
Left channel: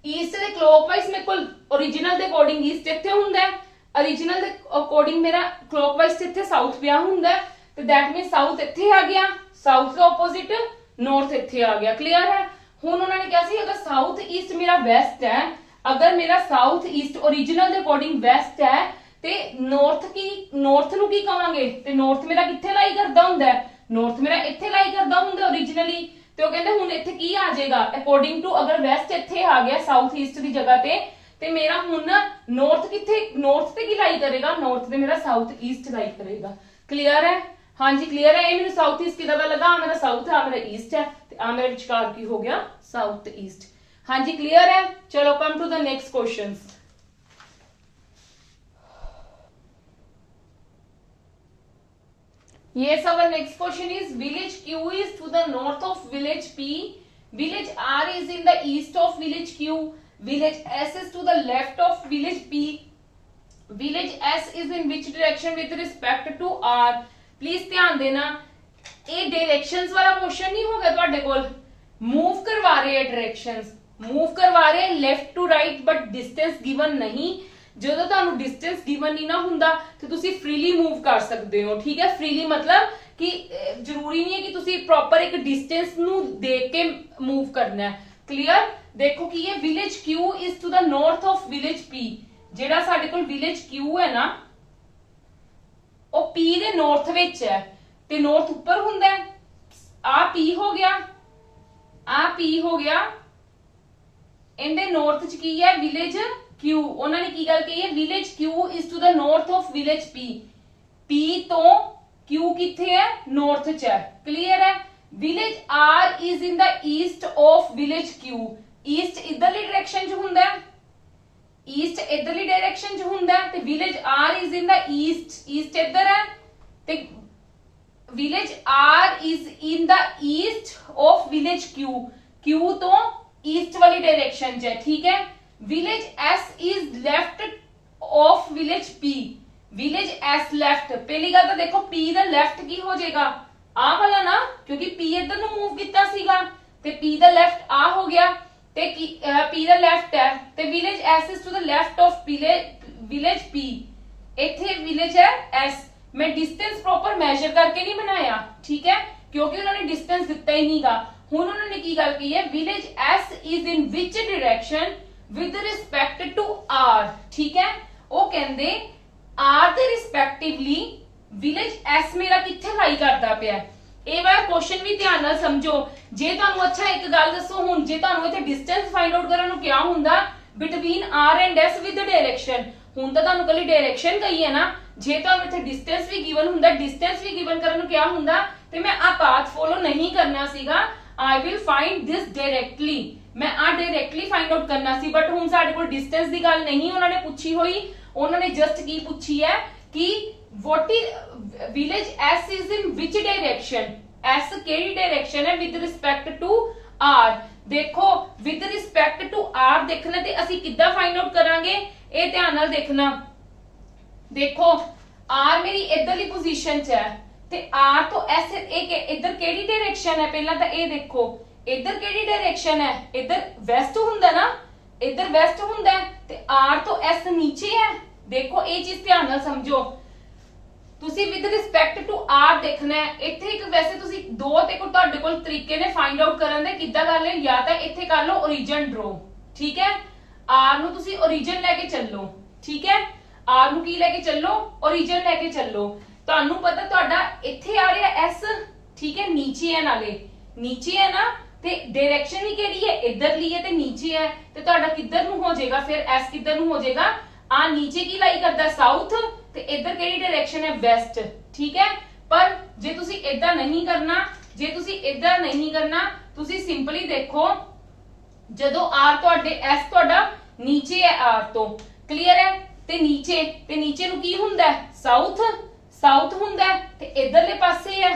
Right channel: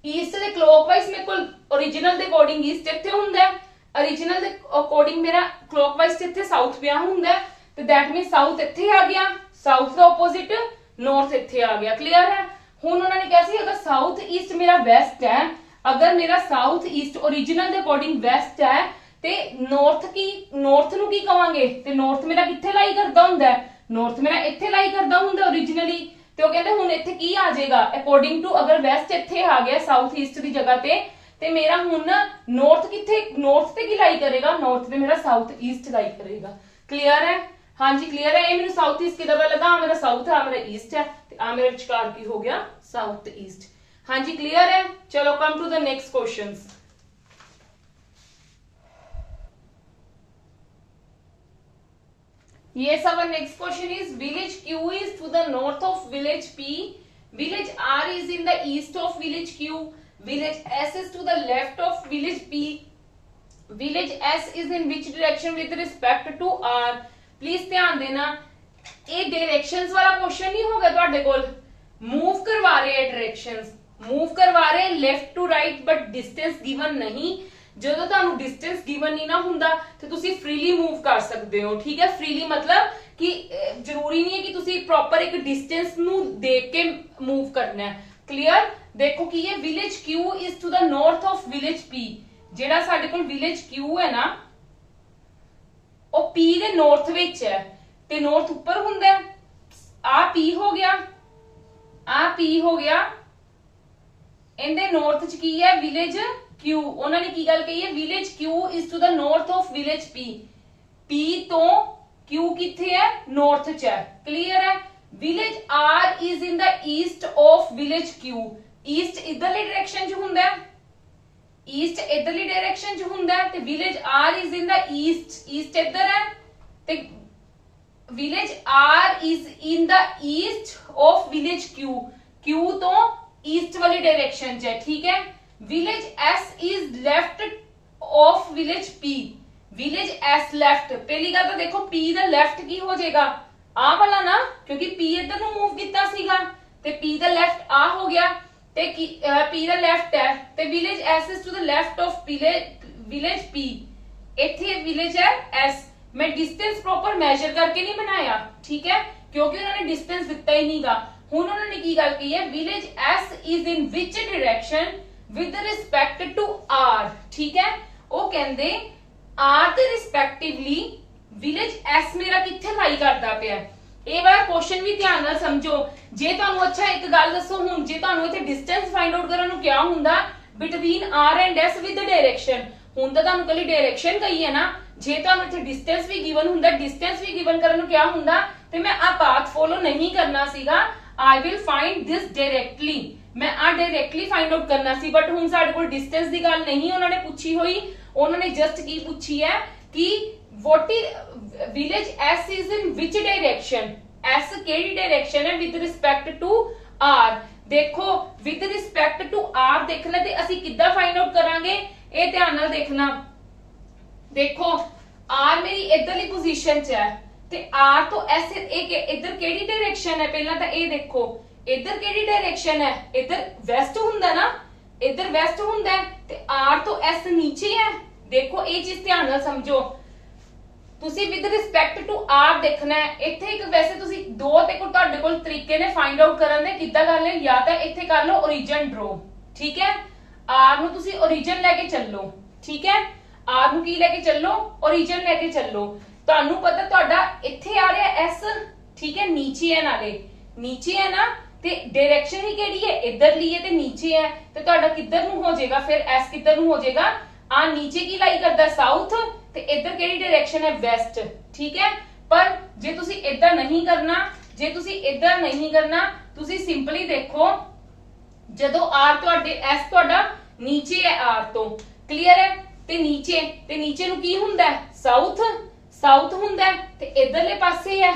ईस्ट दे क्लॉकवाइज मेरे को ओरिजिनल दे अकॉर्डिंग ईस्ट इत्थे हुंदा है, ओरिजिनल दे अकॉर्डिंग मेरा क्लॉकवाइज इत्थे साउथ पिया हुंदा है, तो दैट मीन साउथ इत्थे आ गया, साउथ का ऑपोजिट नॉर्थ इत्थे आ गया। क्लियर है? हुण उन्होंने कहा सी अगर साउथ ईस्ट मेरा वेस्ट है, अगर मेरा साउथ ईस्ट ओरिजिनल दे अकॉर्डिंग वेस्ट है ते नॉर्थ नू की कहांगे, ते नॉर्थ मेरा कित्थे लाई करदा हुंदा है, नॉर्थ मेरा इत्थे लाई करदा हुंदा ओरिजिनली, ते वो कहंदे हुण इत्थे की आ जाएगा अकॉर्डिंग टू, अगर वेस्ट इत्थे आ गया साउथ ईस्ट दी जगह ते मेरा हुण नॉर्थ कित्थे, नॉर्थ ते की लाई करेगा, नॉर्थ ते मेरा साउथ ईस्ट लाई करेगा। क्लियर है? हाँ जी क्लियर है। ये मेरे साउथ ईस्ट किदा पता लगा, मेरा साउथ है, मेरा ईस्ट है, ते आ मेरे विचकार की हो गया साउथ ईस्ट। हाँ जी क्लियर है। चलो come to the next questions. Yes, our next question is village Q is to the north of village P, village R is in the east of village Q, village S is to the left of village P, village S is in which direction with respect to R। Please ध्यान देना, ये directions वाला question नहीं होगा ਤੁਹਾਡੇ ਕੋਲ, move करवा रहे हैं डायरेक्शंस, मूव करवा रहे हैं left to right, but distance given नहीं। ਜਦੋਂ ਤੁਹਾਨੂੰ डिस्टेंस गिवन नहीं ना ਹੁੰਦਾ ਤੇ ਤੁਸੀਂ फ्रीली मूव कर सकते हो। ठीक है, फ्रीली मतलब कि जरूरी नहीं है कि ਤੁਸੀਂ प्रॉपर एक डिस्टेंस ਨੂੰ देख के मूव करना है। क्लियर? देखो कि ये village Q is to the north of village P, ਜਿਹੜਾ ਸਾਡੇ ਕੋਲ ਵਿलेज Q है ना ਉਹ P ਦੇ ਨੌਰਥ ਵਿੱਚ ਹੈ, ਤੇ ਨੌਰਥ ਉੱਪਰ ਹੁੰਦਾ ਹੈ, ਆ P ਹੋ ਗਿਆ, ਆ P ਹੋ ਗਿਆ, ਇਹਦੇ ਨੌਰਥ ਚ ਕੀ ਹੈ ਵਿਲੇਜ Q। ਉਹਨਾਂ ਨੇ ਕੀ ਗੱਲ ਕਹੀ ਹੈ, village Q is to the north of village P, P ਤੋਂ क्यू किथे है, नॉर्थ च है। क्लियर है। Village R is in the east of village Q. East इधरली डायरेक्शन च हुंदा है, ईस्ट इधरली डायरेक्शन च हुंदा है, ते village R is in the east, east इधर है, ते village R is in the east of village Q, Q तो ईस्ट वाली डायरेक्शन च है। ठीक है। Village S is left of village P, village S left, पहली गल तो देखो पी दा लेफ्ट की हो जाएगा, आ वाला ना, क्योंकि पी इधर नु मूव किया सीगा, ते पी दा लेफ्ट आ हो गया, ते पी दा लेफ्ट है, ते village S is to the left of village P, इथे विलेज है एस। मैं डिस्टेंस प्रॉपर मेजर करके नहीं बनाया, ठीक है, क्योंकि उन्होंने डिस्टेंस दिता ही नहीं गा। हुण उन्होंने की गल की है, village S is in which direction with respect to R. ठीक है। वो कहंदे आर दे रिस्पेक्टिवली विलेज एस मेरा किथे लाई करदा पिया। ਇਹ ਵਾਲਾ क्वेश्चन भी ध्यान ਨਾਲ समझो। जे ਤੁਹਾਨੂੰ अच्छा एक गल दसो, हुण जे ਤੁਹਾਨੂੰ इथे डिस्टेंस फाइंड आउट ਕਰਨ ਨੂੰ क्या ਹੁੰਦਾ between R and S with the direction. हुण ਤਾਂ ਤੁਹਾਨੂੰ ਕੱਲੀ डायरेक्शन ਕਹੀ ਹੈ ਨਾ, ਜੇ ਤੁਹਾਨੂੰ ਇੱਥੇ डिस्टेंस भी गिवन ਹੁੰਦਾ, डिस्टेंस भी गिवन ਕਰਨ ਨੂੰ क्या ਹੁੰਦਾ, ਤੇ ਮੈਂ ਆ ਪਾਥ ਫੋਲੋ ਨਹੀਂ ਕਰਨਾ ਸੀਗਾ। I will find this directly, मैं आ डायरेक्टली फाइंड आउट करना सी, बट हुण ਸਾਡੇ ਕੋਲ डिस्टेंस ਦੀ ਗੱਲ ਨਹੀਂ ਉਹਨਾਂ ਨੇ ਪੁੱਛੀ ਹੋਈ। ਉਹਨਾਂ ਨੇ ਜਸਟ ਕੀ ਪੁੱਛੀ ਹੈ ਕਿ what is village s is in which direction, s ਕਿਹੜੀ डायरेक्शन है with respect to r। देखो with respect to r देखना ਤੇ ਅਸੀਂ ਕਿੱਦਾਂ फाइंड आउट ਕਰਾਂਗੇ, ਇਹ ਧਿਆਨ ਨਾਲ देखना। देखो r मेरी इधरली पोजीशन च है, ਤੇ r तो s इधर ਕਿਹੜੀ डायरेक्शन है, ਪਹਿਲਾਂ ਤਾਂ ਇਹ देखो इधर ਕਿਹੜੀ डायरेक्शन है, इधर वेस्ट ਹੁੰਦਾ ना, इधर वेस्ट ਹੁੰਦਾ है, ਤੇ r तो s नीचे है। देखो ਇਹ ਚੀਜ਼ ਧਿਆਨ ਨਾਲ ਸਮਝੋ। ਤੁਸੀਂ ਵਿਦ ਰਿਸਪੈਕਟ ਟੂ ਆਰ ਦੇਖਣਾ ਹੈ। ਇੱਥੇ ਇੱਕ ਵੈਸੇ ਤੁਸੀਂ ਦੋ ਤੇ ਕੋ ਤੁਹਾਡੇ ਕੋਲ ਤਰੀਕੇ ਨੇ ਫਾਈਂਡ ਆਊਟ ਕਰਨ ਦੇ, ਕਿੱਦਾਂ ਕਰ ਲੈ, ਜਾਂ ਤਾਂ ਇੱਥੇ ਕਰ ਲਓ origin draw, ਠੀਕ ਹੈ। ਆਰ ਨੂੰ ਤੁਸੀਂ origin ਲੈ ਕੇ ਚੱਲੋ, ਠੀਕ ਹੈ। ਆਰ ਨੂੰ ਕੀ ਲੈ ਕੇ ਚੱਲੋ, origin ਲੈ ਕੇ ਚੱਲੋ। ਤੁਹਾਨੂੰ ਪਤਾ ਤੁਹਾਡਾ ਇੱਥੇ ਆ ਰਿਹਾ ਐਸ, ਠੀਕ ਹੈ, ਨੀਚੇ ਹੈ, ਨਾਲੇ ਨੀਚੇ ਹੈ ਨਾ, ਤੇ ਡਾਇਰੈਕਸ਼ਨ ਹੀ ਕਿਹੜੀ ਹੈ, ਇੱਧਰਲੀ ਹੈ ਤੇ ਨੀਚੇ ਹੈ, ਤੇ ਤੁਹਾਡਾ ਕਿੱਧਰ ਨੂੰ ਹੋ ਜਾਏਗਾ ਫਿਰ, ਐਸ ਕਿੱਧਰ ਨੂੰ ਹੋ ਜਾਏਗਾ, ਆ ਨੀਚੇ ਕੀ ਲਾਈ ਕਰਦਾ, ਸਾਊਥ, ਤੇ ਇੱਧਰ ਕਿਹੜੀ ਡਾਇਰੈਕਸ਼ਨ ਹੈ, ਵੈਸਟ। ਠੀਕ ਹੈ। ਪਰ ਜੇ ਤੁਸੀਂ ਇਦਾਂ ਨਹੀਂ ਕਰਨਾ, ਜੇ ਤੁਸੀਂ ਇਦਾਂ ਨਹੀਂ ਕਰਨਾ, ਤੁਸੀਂ ਸਿੰਪਲੀ ਦੇਖੋ, ਜਦੋਂ ਆਰ ਤੁਹਾਡੇ ਐਸ ਤੁਹਾਡਾ ਨੀਚੇ ਹੈ ਆਰ ਤੋਂ, ਕਲੀਅਰ ਹੈ, ਤੇ ਨੀਚੇ ਨੂੰ ਕੀ ਹੁੰਦਾ ਹੈ, ਸਾਊਥ, ਸਾਊਥ ਹੁੰਦਾ ਹੈ, ਤੇ ਇਧਰਲੇ ਪਾਸੇ ਹੈ,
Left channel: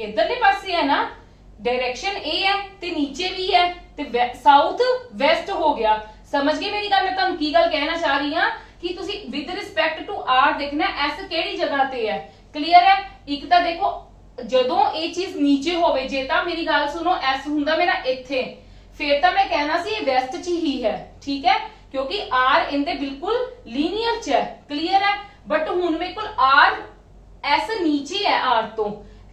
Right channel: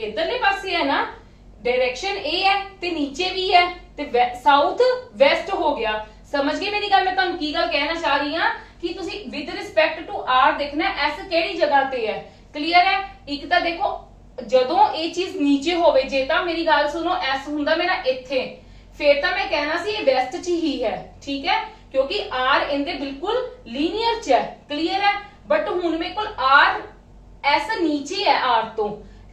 ਇਧਰਲੇ ਪਾਸੇ ਹੈ ਨਾ, डायरेक्शन ए है ते नीचे भी है, ते साउथ वेस्ट हो गया। समझ गए मेरी गल, मैं तुहानू की गल कहना चाह रही हां कि तुसी विद रिस्पेक्ट टू आर देखना एस केड़ी जगह ते है। क्लियर है। एक तो देखो जदों ये चीज नीचे होवे, जे तां मेरी गल सुनो, एस हुंदा मेरा इत्थे, फिर तां मैं कहना सी ये वेस्ट च ही है, ठीक है, क्योंकि आर इनदे बिल्कुल लीनियर च है। क्लियर है। बट हुण मेरे कोल आर एस नीचे है, आर तो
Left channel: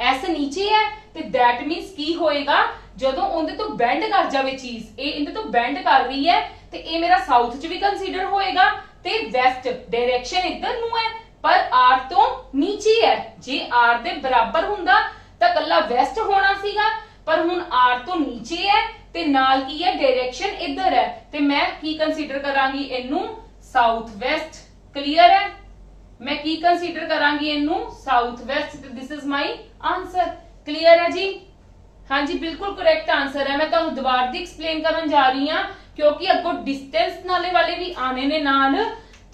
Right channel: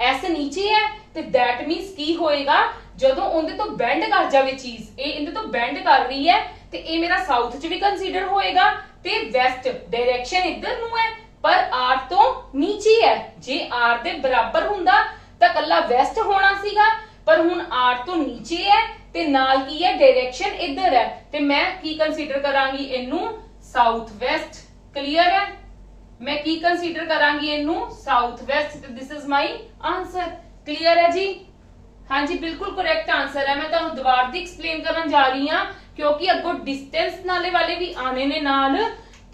एस नीचे है, ਤੇ that means ਕੀ ਹੋਏਗਾ, ਜਦੋਂ ਉਹਦੇ ਤੋਂ ਬੈਂਡ ਕਰ ਜਾਵੇ ਚੀਜ਼, ਇਹ ਇਹਦੇ ਤੋਂ ਬੈਂਡ ਕਰ ਰਹੀ ਹੈ, ਤੇ ਇਹ ਮੇਰਾ ਸਾਊਥ ਚ ਵੀ ਕੰਸੀਡਰ ਹੋਏਗਾ, ਤੇ ਵੈਸਟ ਡਾਇਰੈਕਸ਼ਨ ਇੱਧਰ ਨੂੰ ਹੈ, ਪਰ r ਤੋਂ ਨੀਚੇ ਹੈ। ਜੇ r ਦੇ ਬਰਾਬਰ ਹੁੰਦਾ ਤਾਂ ਕੱਲਾ ਵੈਸਟ ਹੋਣਾ ਸੀਗਾ, ਪਰ ਹੁਣ r ਤੋਂ ਨੀਚੇ ਹੈ, ਤੇ ਨਾਲ ਕੀ ਹੈ, ਡਾਇਰੈਕਸ਼ਨ ਇੱਧਰ ਹੈ, ਤੇ ਮੈਂ ਕੀ ਕੰਸੀਡਰ ਕਰਾਂਗੀ ਇਹਨੂੰ, ਸਾਊਥ ਵੈਸਟ। ਕਲੀਅਰ ਹੈ। मैं की कंसीडर करांगी इनू, south west. This is my answer. Clear है जी? हाँ जी, बिल्कुल करेक्ट आंसर है। मैं तुहानू दोबारा दी एक्सप्लेन करन जा रही हां, क्योंकि अगों डिस्टेंस नाले वाले भी आने ने नाल,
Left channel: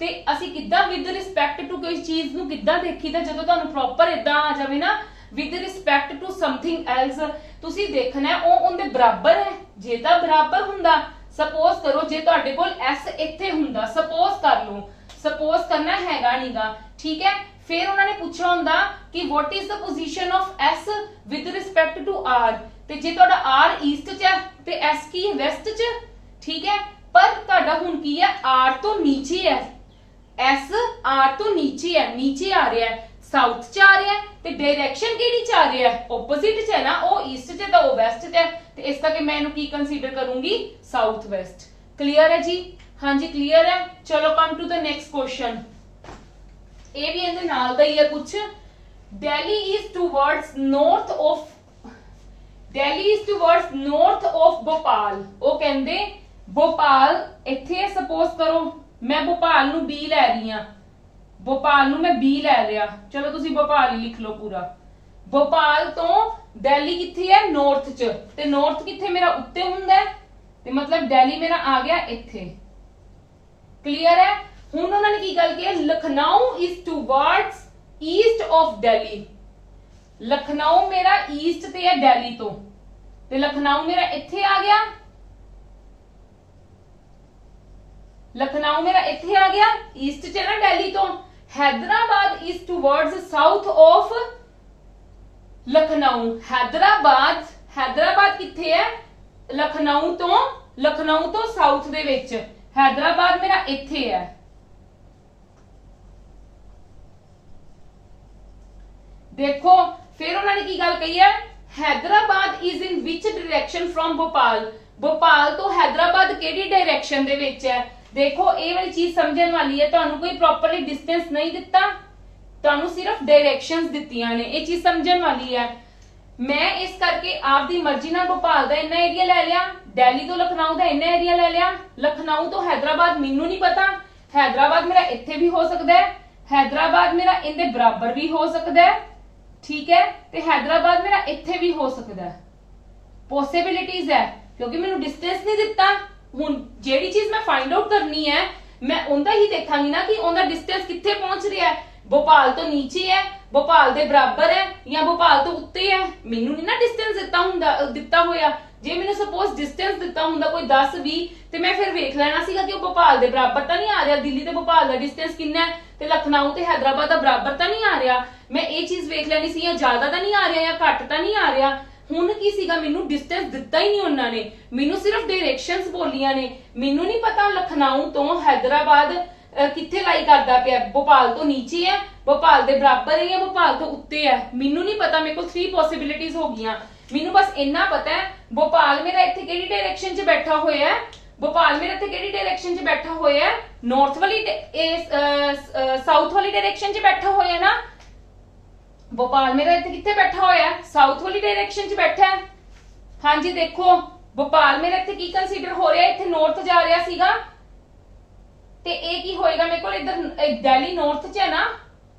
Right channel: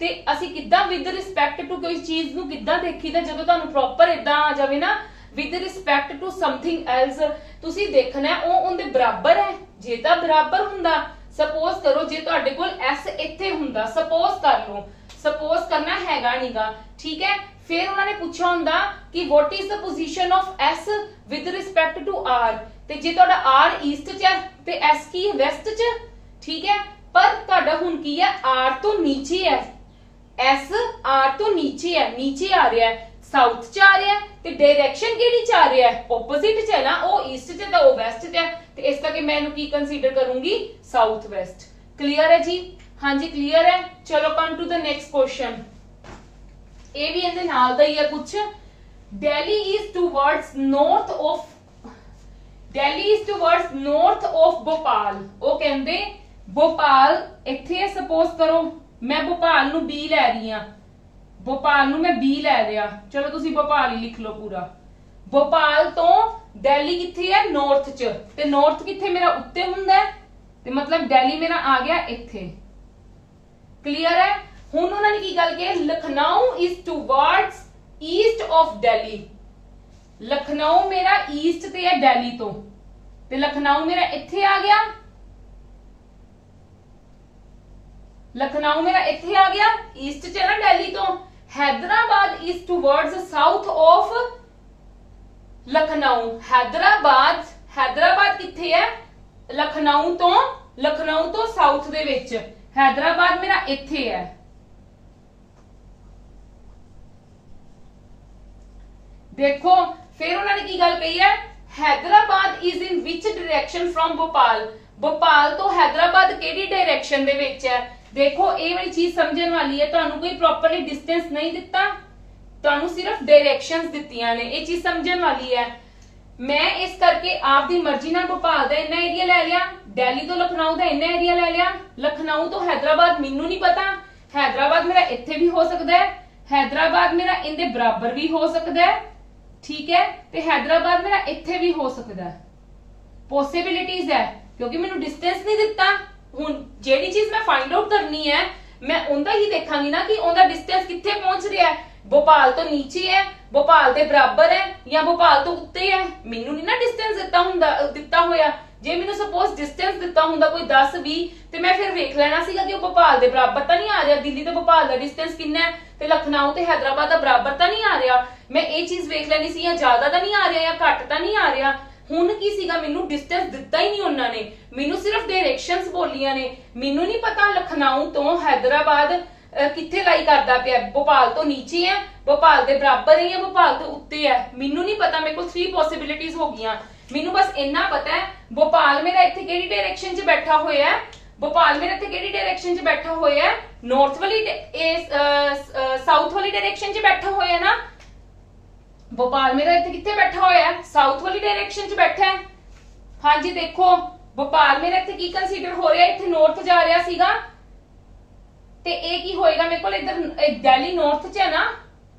ते असी किद्दां विद रिस्पेक्ट टू कोई चीज नू किद्दां देखीदा, जदों तुहानू प्रॉपर इदां आ जावे ना with respect to something else, तुसी देखना है ओ उनदे बराबर है। जे तां बराबर हुंदा, सपोज करो जे तुहाडे कोल एस इत्थे हुंदा, सपोज कर लो, सपोज करना हैगा नीगा, ठीक है। फिर उन्होंने पूछा हुंदा कि what is the position of S with respect to R, ते जे तुहाडा आर ईस्ट च है ते एस की वेस्ट च, ठीक है। पर तुहाडा हुण की है, आर तो नीचे है, एस आर तो नीचे है, नीचे आ रहा है, साउथ च आ रहा है, ते डायरेक्शन केड़ी च आ रहा है, ओपोजिट च है ना, ओ ईस्ट च ते ओ वेस्ट च है, ते इस करके मैं इनू की कंसीडर करूंगी, साउथ वेस्ट। क्लियर है जी? हाँ जी, क्लियर है। चलो come to the next question. ये भी इहदे नाल दा ही है कुछ। Delhi is towards north of, Delhi is towards north of Bhopal. वो कहंदे भोपाल इत्थे है, सपोज करो मैं भोपाल नू बी लै रही हां, भोपाल नूं मैं बी लै लिया, चलो तुसी भोपाल ही लिख लो पूरा। भोपाल तो दिल्ली किथे है नॉर्थ च, ते नॉर्थ किथे मेरा उत्ते हुंदा है, ते मतलब दिल्ली मेरा आ गया इथे। क्लियर है? हुण उन्होंने की गल की, Lucknow is towards east of Delhi. Lucknow मेरा ईस्ट ते है दिल्ली तो, ते लखनऊ मेरा इथे आ गया, लखनऊ मेरा इथे आ गया ईस्ट च ना दिल्ली तो। Hyderabad is towards south of Lucknow. Hyderabad, Hyderabad किथे है लखनऊ तो साउथ दे विच। हैदराबाद मेरा इथे है। देखो फिर उन्होंने की गल कही है, Hyderabad is in which direction from Bhopal. Bhopal तो हैदराबाद केड़ी डायरेक्शन दे विच है। देखो ये वाली चीज समझने वाली है, तुहानू कोई प्रॉपरली डिस्टेंस नहीं दिता, तुहानू सिर्फ डायरेक्शंस दित्तियां ने, ये चीज समझने वाली है। मैं इस करके आपकी मर्जी नाल भोपाल दा इन्ना एरिया ले लिया, दिल्ली तो लखनऊ दा इन्ना एरिया ले लिया, लखनऊ तो हैदराबाद मैनू नहीं पता, हैदराबाद मेरा इत्थे भी हो सकता है, हैदराबाद मेरा इनदे बराबर भी हो सकता है, ठीक है, ते हैदराबाद मेरा इत्थे भी हो सकता है। पॉसिबिलिटीज है, क्योंकि मैनू डिस्टेंस नहीं दिता। हुण जेड़ी चीज मैं फाइंड आउट करनी है, मैं उनका ही देखांगी ना कि उनका डिस्टेंस कित्थे पहुंच रहा है। भोपाल तो नीचे है, भोपाल दे बराबर है, या भोपाल तो उत्ते है। मैनू नहीं ना डिस्टेंस दिता होया। जे मैनू सपोज डिस्टेंस दिता हुंदा कोई 10-20, ते मैं फिर वेख लेना सीगा कि भोपाल दे बराबर तो नहीं आ रहा, दिल्ली ते भोपाल दा डिस्टेंस कितना है, ते लखनऊ ते हैदराबाद दा बराबर तो नहीं आ रहा। मैं ये चीज वेख लेनी सी, या ज्यादा तो नहीं आ रहा या घट तो नहीं आ रहा। हुण की सीगा, मैनू डिस्टेंस दिता ही नहीं उन्होंने, मैनू सिर्फ डायरेक्शंस बोलियां ने। मैनू नहीं पता लखनऊ तो हैदराबाद किथे लाई करदा पिया, भोपाल तो नीचे है, भोपाल दे बराबर है, या भोपाल तो उत्ते है, मैनू नहीं पता। मेरे को 3 पॉसिबिलिटीज हो गईयां। मैनू बस इन्ना पता है भोपाल मेरा इत्थे केड़ी डायरेक्शन च बैठा होया है, भोपाल मेरा इत्थे केड़ी डायरेक्शन च बैठा होया है, नॉर्थ वाली साउथ वाली डायरेक्शन च बैठा होया है ना। भोपाल मेरा इत्थे किथे बैठा होया है, साउथ वाली डायरेक्शन च बैठा है। हाँ जी, देखो भोपाल मेरा इत्थे की कंसीडर हो रहा है, इत्थे नॉर्थ जा रहा सीगा, ते ए की होएगा मेरे को इधर दिल्ली नॉर्थ च है ना,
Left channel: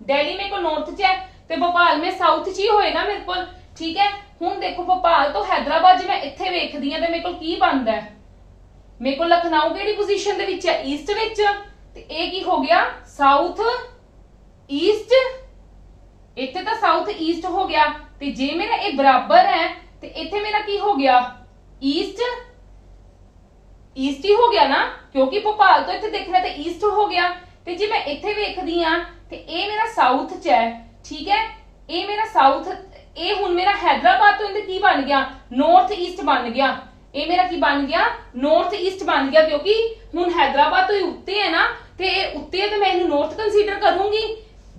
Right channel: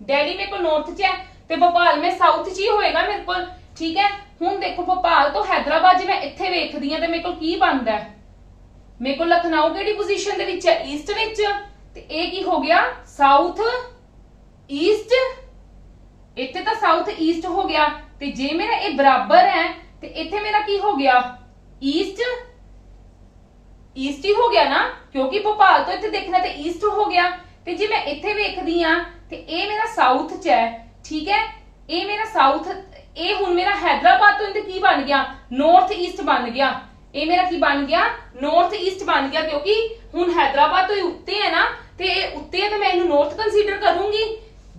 दिल्ली मेरे को नॉर्थ च है, ते भोपाल में साउथ च ही होएगा मेरे को, ठीक है। हुण देखो भोपाल तो हैदराबाद जे मैं इत्थे वेखदी हां ते मेरे को की बनदा है, मेरे को लखनऊ केड़ी पोजीशन दे विच है, ईस्ट विच, ते ए की हो गया साउथ ईस्ट, इत्थे तो साउथ ईस्ट हो गया। ते जे मेरा ए बराबर है, ते इत्थे मेरा की हो गया ईस्ट ईस्ट ही हो गया ना, क्योंकि भोपाल तो इत्थे देखना ते ईस्ट हो गया। ते जे मैं इत्थे वेखदी हां ते ए मेरा साउथ च है, ठीक है, ए मेरा साउथ, ए हुण मेरा हैदराबाद तो इनते की बन गया नॉर्थ ईस्ट बन गया, ए मेरा की बन गया नॉर्थ ईस्ट बन गया, क्योंकि हुण हैदराबाद तो उत्ते है ना, ते उत्ते है तो मैं इनू नॉर्थ कंसीडर करूंगी।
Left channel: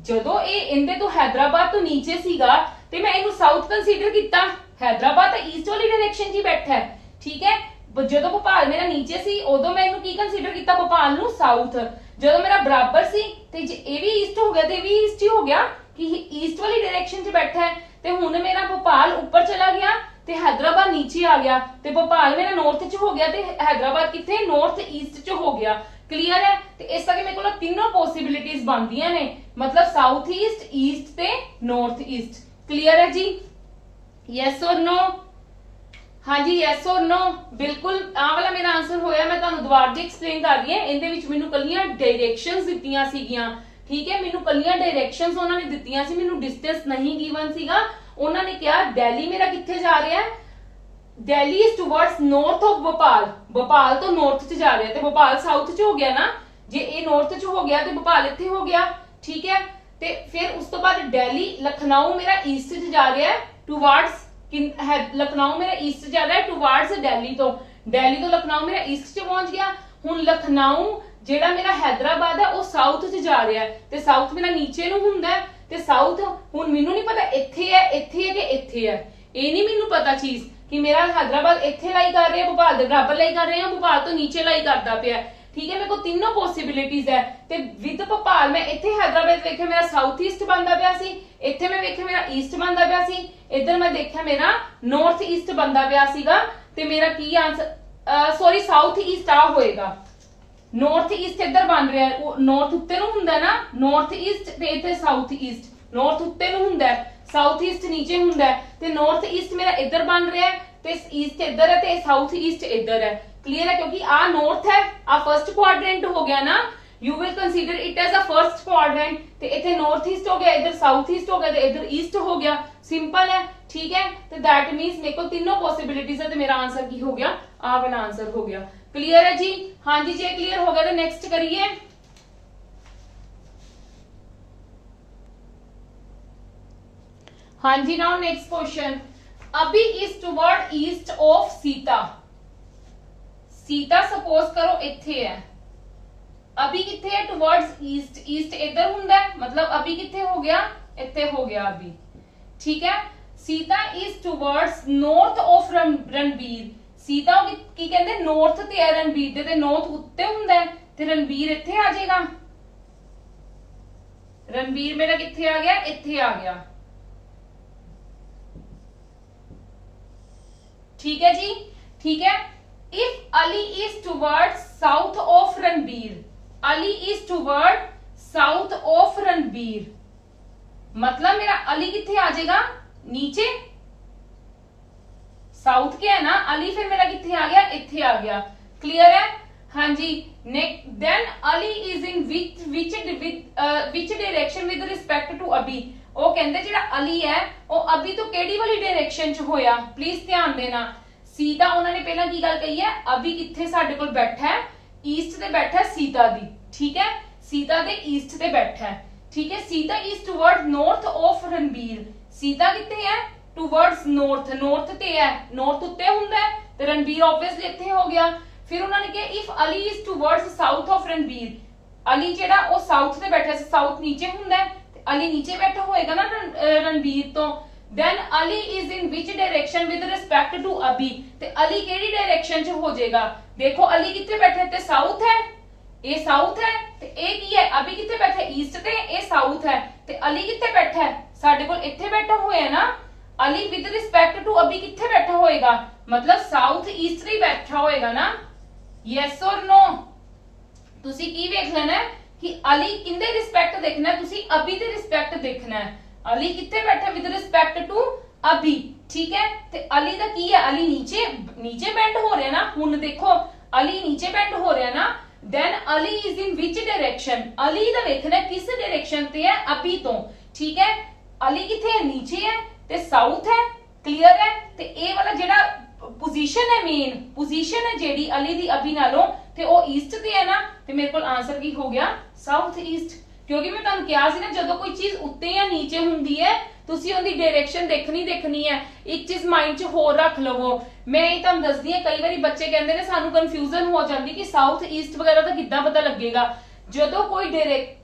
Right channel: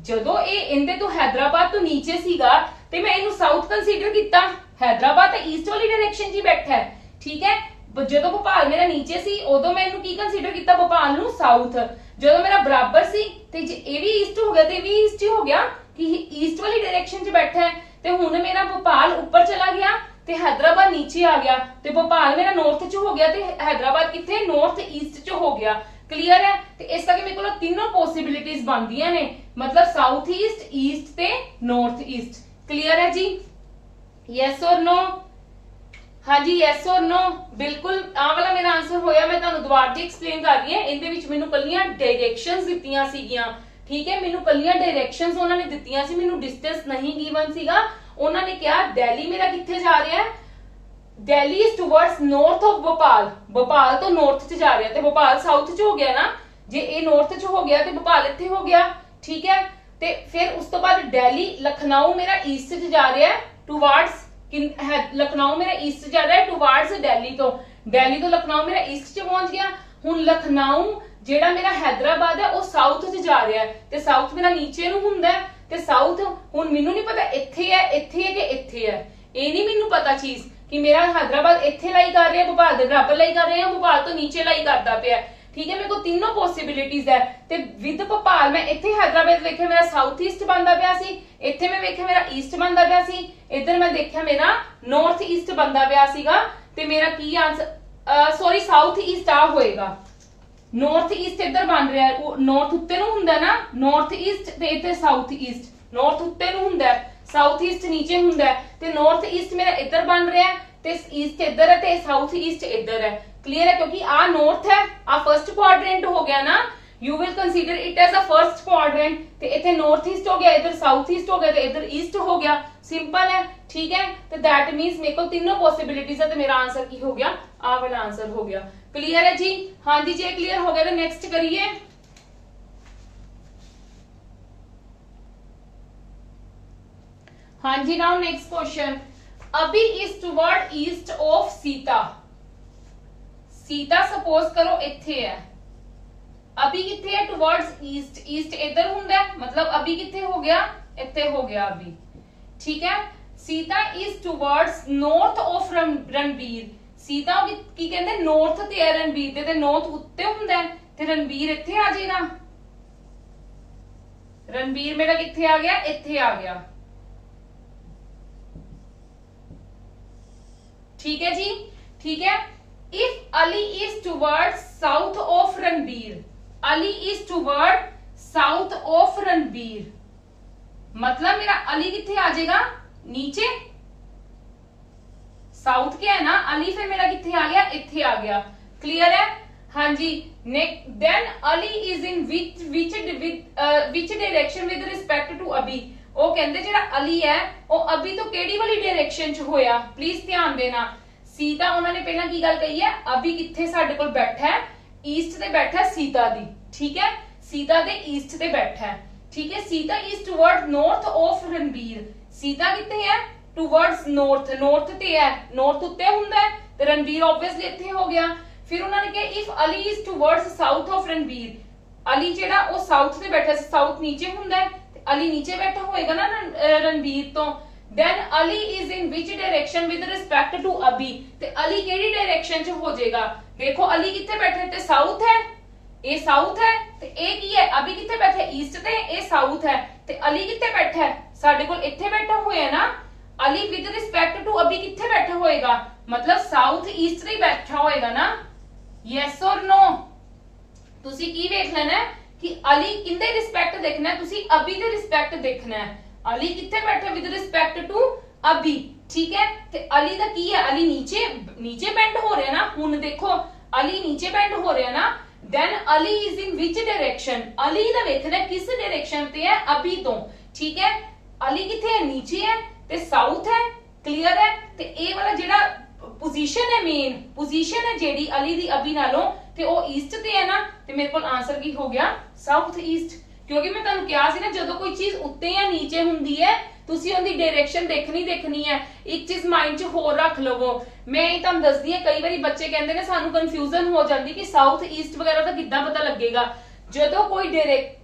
जदों ए इंदे तो हैदराबाद तो नीचे सीगा, ते मैं इनू साउथ कंसीडर किया, हैदराबाद तो ईस्ट वाली डायरेक्शन च बैठा है, ठीक है। जदों भोपाल मेरा नीचे सी, उदों मैं इनू की कंसीडर किया, भोपाल नू साउथ। जदों मेरा बराबर सी, ते जे ए भी ईस्ट हो गया, ते भी ईस्ट ही हो गया कि ईस्ट वाली डायरेक्शन च बैठा है। ते हुण मेरा भोपाल ऊपर चला गया, ते हैदराबाद नीचे आ गया, ते भोपाल मेरा नॉर्थ च हो गया, ते हैदराबाद किथे नॉर्थ ईस्ट च हो गया। क्लियर है? ते इस करके मेरे को तीनों पॉसिबिलिटीज बनदियां ने, मतलब साउथ ईस्ट, ईस्ट ते नॉर्थ ईस्ट। क्लियर है जी? यस और नो? हाँ जी, यस और नो? बिल्कुल आ वाला मेरा आंसर होया। मैं तुहानू दोबारा जी एक्सप्लेन कर रही है, इहदे विच मैनू कल्लियां डायरेक्शंस दित्तियां सीगियां, ठीक है, मैनू कल्लियां डायरेक्शंस उन्होंने दित्तियां सी, मैनू डिस्टेंस नहीं गिवन सीगा। उन्होंने कहा दिल्ली मेरा किथे जा रहा है, Delhi is towards north of Bhopal, Bhopal तो नॉर्थ च जा रहा है, ते भोपाल साउथ च हो गया ना, जे ए नॉर्थ च हो गया ते भोपाल इत्थे हो गया, ठीक है। ते फिर उस तो बाद दिल्ली, लखनऊ मेरा ईस्ट च जा रहा है टुवर्ड्स, लखनऊ मेरा ईस्ट जा रहा है टुवर्ड्स दिल्ली तो, दिल्ली तो लखनऊ मेरा ईस्ट च पहुंच गया। हुण लखनऊ जेड़ा मेरा हैदराबाद है वो साउथ च जा रहा है, ते साउथ मेरा नीचे नूं हुंदा है, ते साउथ हुण मैनू नहीं पता इत्थे है कि इत्थे है, ये नहीं मैनू पता चीज कि मेरा हैदराबाद इत्थे लाई कर रहा है, भोपाल दे बराबर लाई कर रहे हैं, भोपाल तो नीचे लाई करदा पिया, ठीक है। मेरे को तीनों पॉसिबिलिटीज है, ते विद भोपाल मैं इत्थे हैदराबाद वेख्या मेरा साउथ ईस्ट बनदा पिया सी, इत्थे मैं वेख्या मेरा ईस्ट बनदा पिया सी, इधर मैं देखा मेरा नॉर्थ ईस्ट बनदा पिया सीगा, ते मेरा की आंसर सॉरी साउथ ईस्ट आ होएगा, ਨਾਰਥ ਈਸਟ ਇੱਧਰ ਬਣ ਰਿਹਾ ਹੈ, ਉਹ ਨਾਰਥ ਉੱਤੇ ਨੂੰ ਹੁੰਦਾ ਨਾ, ਨਾਰਥ ਈਸਟ ਤੇ ਇੱਥੇ ਸਾਊਥ ਈਸਟ, ਨਾਰਥ ਉੱਤੇ ਨੂੰ ਹੁੰਦਾ ਹੈ, ਸਾਊਥ ਈਸਟ ਨੀਚੇ ਹੁੰਦਾ ਹੈ, ਤੇ ਨਾਰਥ ਈਸਟ ਮੇਰਾ ਇੱਧਰ ਬਣ ਰਿਹਾ ਹੈ ਤੇ ਈਸਟ ਇੱਧਰ ਹੈ ਤੇ ਸਾਊਥ ਈਸਟ ਇੱਧਰ ਹੈ। ਕਲੀਅਰ ਹੈ? ਕਿਉਂਕਿ ਆ ਨਾਰਥ ਹੈ, ਆ ਫਰਸਟ ਕੁਆਡਰੈਂਟ ਹੋ ਗਿਆ ਨਾ, you will consider it as a first quadrant, ਤੇ ਇੱਥੇ ਨਾਰਥ ਈਸਟ ਹੋ ਗਿਆ, ਇੱਧਰ ਸਾਊਥ ਈਸਟ ਹੋ ਗਿਆ ਤੇ ਇੱਧਰ ਈਸਟ ਹੋ ਗਿਆ। ਸਿੰਪਲ ਹੈ, ਠੀਕ ਹੈ? ਤੇ that means ਮੇਰੇ ਕੋਲ ਤਿੰਨੋਂ ਪੋਸਿਬਿਲਿਟੀਜ਼ ਹੈ ਤੇ ਮੇਰਾ ਆਨਸਰ ਕੀ ਹੋ ਗਿਆ? ਆ ਵਾਲਾ ਆਨਸਰ ਹੋ ਗਿਆ। ਕਲੀਅਰ ਹੈ ਜੀ? ਹਾਂਜੀ, ਜੇ ਕਲੀਅਰ ਹੋ ਗਿਆ ਤਾਂ ਨੈਕਸਟ ਕਰੀਏ। ਹਾਂਜੀ, ਨਾउ नेक्स्ट क्वेश्चन, अभी is toward east of Sita. Sita suppose करो इत्थे है, अभी किथे है? टुवर्ड्स ईस्ट, ईस्ट इधर हुंदा है, मतलब अभी किथे हो गया? इत्थे हो गया अभी, ठीक है? Sita is towards north of Ranbir. Sita की कहंदे नॉर्थ ते है रणबीर दे, ते नॉर्थ उत्ते हुंदा है ते रणबीर इत्थे आ जाएगा। रणबीर मेरा किथे आ गया? इत्थे आ गया, ठीक है जी? ठीक है। If Ali is toward south of Ranbir, Ali is toward south of Ranbir, मतलब मेरा अली किथे आ जाएगा? नीचे, साउथ क्या है ना अली, फिर मेरा किथे आ गया? इथे आ गया। क्लियर है? हाँ जी। Then Ali is in which direction with respect to Abhi. ਉਹ ਕਹਿੰਦੇ ਜਿਹੜਾ ਅਲੀ ਹੈ ਉਹ ਅਭੀ ਤੋਂ ਕਿਹੜੀ ਵਾਲੀ ਡਾਇਰੈਕਸ਼ਨ ਚ ਹੋਇਆ? ਪਲੀਜ਼ ਧਿਆਨ ਦੇਣਾ। ਸੀਤਾ ਉਹਨਾਂ ਨੇ ਪਹਿਲਾਂ ਕੀ ਗੱਲ ਕਹੀ ਹੈ? ਅਭੀ ਕਿੱਥੇ ਸਾਡੇ ਕੋਲ ਬੈਠਾ ਹੈ? ਈਸਟ ਤੇ ਬੈਠਾ ਹੈ ਸੀਤਾ ਦੀ, ਠੀਕ ਹੈ? ਸੀਤਾ ਦੇ ਈਸਟ ਤੇ ਬੈਠਾ ਹੈ, ਠੀਕ ਹੈ? Sita is toward north of Ranbir. Sita ਕਿੱਥੇ ਹੈ? ਟੁਵਰਡਸ ਨਾਰਥ, ਨਾਰਥ ਤੇ ਹੈ, ਨਾਰਥ ਉੱਤੇ ਹੁੰਦਾ ਹੈ ਤੇ ਰਣਬੀਰ ਆਬਵੀਅਸਲੀ ਇੱਥੇ ਹੋ ਗਿਆ। ਫਿਰ ਉਹਨਾਂ ਨੇ ਕਿਹਾ if Ali is towards south of Ranbir, Ali ਜਿਹੜਾ ਉਹ ਸਾਊਥ ਤੇ ਬੈਠਾ ਸੀ, ਸਾਊਥ ਨੀਚੇ ਹੁੰਦਾ ਹੈ, अली नीचे बैठा होएगा ना रणबीर तो, then Ali is in which direction with respect to Abhi, ते अली केड़ी डायरेक्शन च हो जाएगा? देखो अली किथे बैठा है? साउथ है, ए साउथ है, ते ए की है? अभी किथे बैठा है? ईस्ट ते, ए साउथ है, ते अली किथे बैठा है? साडे कोल इथे बैठा होया है ना। अली विद रिस्पेक्ट टू अभी किथे बैठा होएगा? मतलब साउथ ईस्ट ही बैठा होएगा ना। यस और नो? तुसी की देख लेना है कि अली किंदे रिस्पेक्ट देखना है, तुसी अभी दे रिस्पेक्ट देखना है। अली किथे बैठा विद रिस्पेक्ट टू अभी, ठीक है? ते अली दा की है? अली नीचे, नीचे बेंड हो रहा है ना। हुन देखो अली नीचे बेंड हो रहा है ना, then Ali is in which direction? Ali दा देखना किस डायरेक्शन ते है? अभी तो, ठीक है? अली किथे है? नीचे है ते साउथ है। क्लियर है? ते ए वाला जेड़ा पोजीशन है, मेन पोजीशन है जेड़ी अली दी अभी नालों ते ओ ईस्ट ते है ना, ते मेरे कोल आंसर की हो गया? South east. क्योंकि मैं तुहानू कहा सी ना जदों कोई चीज उत्ते या नीचे हुंदी है तुसी उहदी डायरेक्शन देखनी है। एक चीज माइंड च होर रख लवो। मैं ये तुहानू दसदी हां, कई बारी बच्चे कहंदे ने सानू कंफ्यूजन हो जाती कि साउथ ईस्ट वगैरह दा किद्दां पता लगेगा। जदों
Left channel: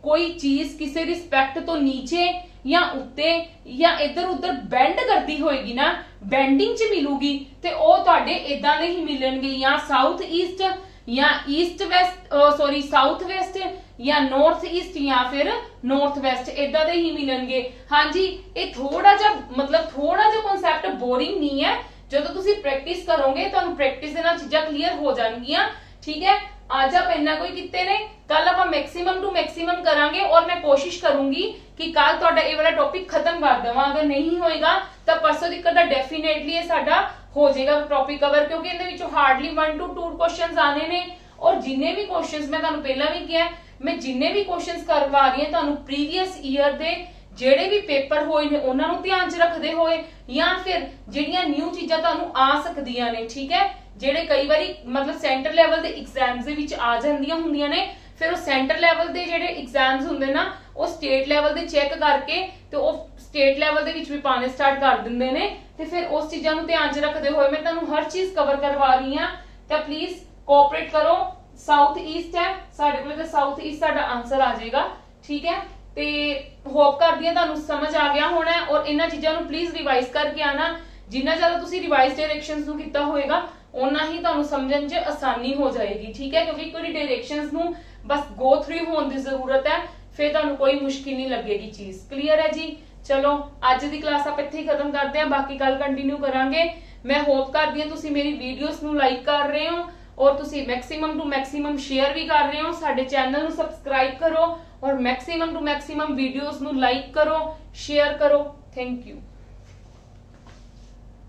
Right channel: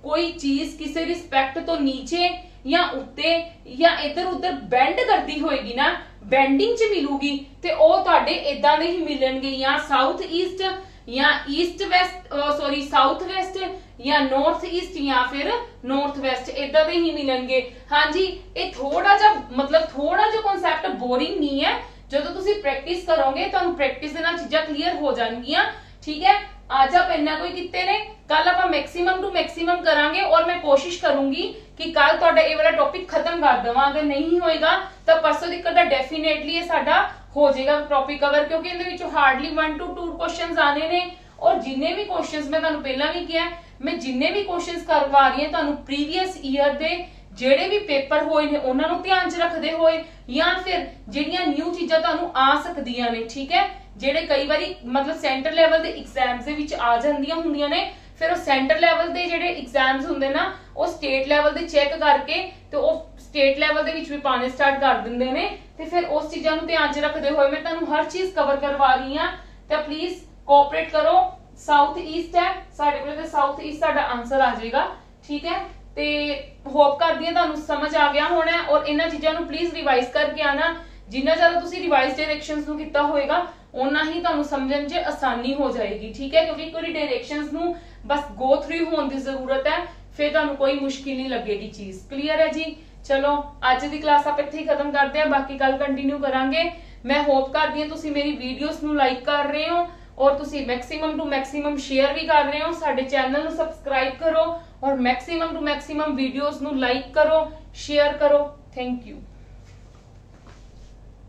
कोई चीज किसी रिस्पेक्ट तो नीचे या उत्ते या इधर उधर बेंड करती होएगी ना, बेंडिंग च मिलूगी, ते ओ तुहाडे इदां दे ही मिलणगे, या साउथ ईस्ट या east west, sorry south west, या नॉर्थ ईस्ट, या फिर नॉर्थ वेस्ट, इदां दे ही मिलणगे। हाँ जी, ये थोड़ा जा मतलब थोड़ा जा कॉन्सेप्ट बोरिंग नहीं है। जदों तुसी प्रैक्टिस करोगे तुहानू प्रैक्टिस दे नाल चीज़ां क्लीयर हो जाणगियां, ठीक है? आज आप इन्ना कोई किते ने, कल आप मैक्सिमम टू मैक्सिमम करांगे और मैं कोशिश करूंगी कि कल तुहाडा ये वाला टॉपिक खत्म कर देवां। अगर नहीं होएगा तो परसों तक दा डेफिनेटली ये साडा हो जाएगा टॉपिक कवर, क्योंकि इहदे विच हार्डली 1 to 2 क्वेश्चंस आने ने। और जिन्ने भी क्वेश्चंस मैं तुहानू पहला भी किया, मैं जिन्ने भी क्वेश्चंस करवा रही हां तुहानू प्रीवियस ईयर दे ਜਿਹੜੇ ਵੀ ਪੇਪਰ ਹੋਏ ਨੇ ਉਹਨਾਂ ਨੂੰ ਧਿਆਨ 'ਚ ਰੱਖਦੇ ਹੋਏ, ਜਾਂ ਫਿਰ ਜਿਹੜੀਆਂ ਨਿਊ ਚੀਜ਼ਾਂ ਤੁਹਾਨੂੰ ਆ ਸਕਦੀਆਂ ਨੇ, ਠੀਕ ਹੈ? ਜਿਹੜੇ ਕਈ ਵਾਰੀ ਮਤਲਬ ਸੈਂਟਰ ਲੈਵਲ ਦੇ ਐਗਜ਼ਾਮਸ ਦੇ ਵਿੱਚ ਆ ਜਾਂਦੀਆਂ ਹੁੰਦੀਆਂ ਨੇ, ਫਿਰ ਉਹ ਸੈਂਟਰ ਲੈਵਲ ਦੇ ਜਿਹੜੇ ਐਗਜ਼ਾਮਸ ਹੁੰਦੇ ਨਾ ਉਹ ਸਟੇਟ ਲੈਵਲ ਦੇ ਚੈੱਕ ਕਰਕੇ ਤੇ ਉਹ ਸਟੇਟ ਲੈਵਲ ਦੇ ਵਿੱਚ ਵੀ ਪਾਣੇ ਸਟਾਰਟ ਕਰ ਦਿੰਦੇ ਨੇ। ਤੇ ਫਿਰ ਉਸ ਚੀਜ਼ਾਂ ਨੂੰ ਧਿਆਨ 'ਚ ਰੱਖਦੇ ਹੋਏ ਮੈਂ ਤੁਹਾਨੂੰ ਹਰ ਚੀਜ਼ ਕਵਰ ਕਰਵਾ ਰਹੀ ਹਾਂ, ਤਾਂ ਪਲੀਜ਼ ਕੋਆਪਰੇਟ ਕਰੋ। ਸਾਊਥ ਈਸਟ ਹੈ ਸਾਡੇ ਕੋਲ, ਤੇ ਸਾਊਥ ਈਸਟ ਸਾਡਾ ਆਨਸਰ ਆ ਜਾਏਗਾ, ਠੀਕ ਹੈ? ਤੇ ਹੋਪ ਕਰਦੀ ਹਾਂ ਤੁਹਾਨੂੰ ਸਮਝ ਆ ਗਿਆ ਹੋਣਾ, ਔਰ ਇਹਨਾਂ ਚੀਜ਼ਾਂ ਨੂੰ ਪਲੀਜ਼ ਰਿਵਾਈਜ਼ ਕਰਕੇ ਆਣਾ। ਜਿੰਨਾ ਜ਼ਿਆਦਾ ਤੁਸੀਂ ਰਿਵਾਈਜ਼ ਡਾਇਰੈਕਸ਼ਨਸ ਨੂੰ ਕੀਤਾ ਹੋਏਗਾ ਉਨਾ ਹੀ ਤੁਹਾਨੂੰ ਸਮਝਣ 'ਚ ਆਸਾਨੀ ਹੋ ਜਾਏਗੀ, ਠੀਕ ਹੈ? ਕਿਉਂਕਿ ਕੋਈ ਡਾਇਰੈਕਸ਼ਨਸ ਨੂੰ ਬਸ ਗੋ ਥਰੂ ਹੋਣ ਦੀ ਜ਼ਰੂਰਤ ਹੈ, ਫਿਰ ਤੁਹਾਨੂੰ ਕੋਈ ਮੁਸ਼ਕਿਲ ਨਹੀਂ ਲੱਗੇਗੀ ਚੀਜ਼। ਕਲੀਅਰ ਹੈ ਜੀ? ਚਲੋ ਅੱਜ ਦੀ ਕਲਾਸ ਆਪਾਂ ਇੱਥੇ ਹੀ ਖਤਮ ਕਰਦੇ ਹਾਂ, ਬਾਕੀ ਕੱਲ ਕੰਟੀਨਿਊ ਕਰਾਂਗੇ। ਮੈਂ ਹੋਪ ਕਰਦੀ ਹਾਂ ਤੁਸੀਂ ਮੇਰੀ ਵੀਡੀਓਜ਼ ਨੂੰ ਲਾਈਕ ਕਰ ਰਹੇ ਹੋ और तुसी मैक्सिमम टू मैक्सिमम शेयर भी कर रहे हो। साडे चैनल ਨੂੰ सब्सक्राइब करो और मैक्सिमम टू मैक्सिमम वीडियोस ਨੂੰ लाइक करो, शेयर करो। Thank you.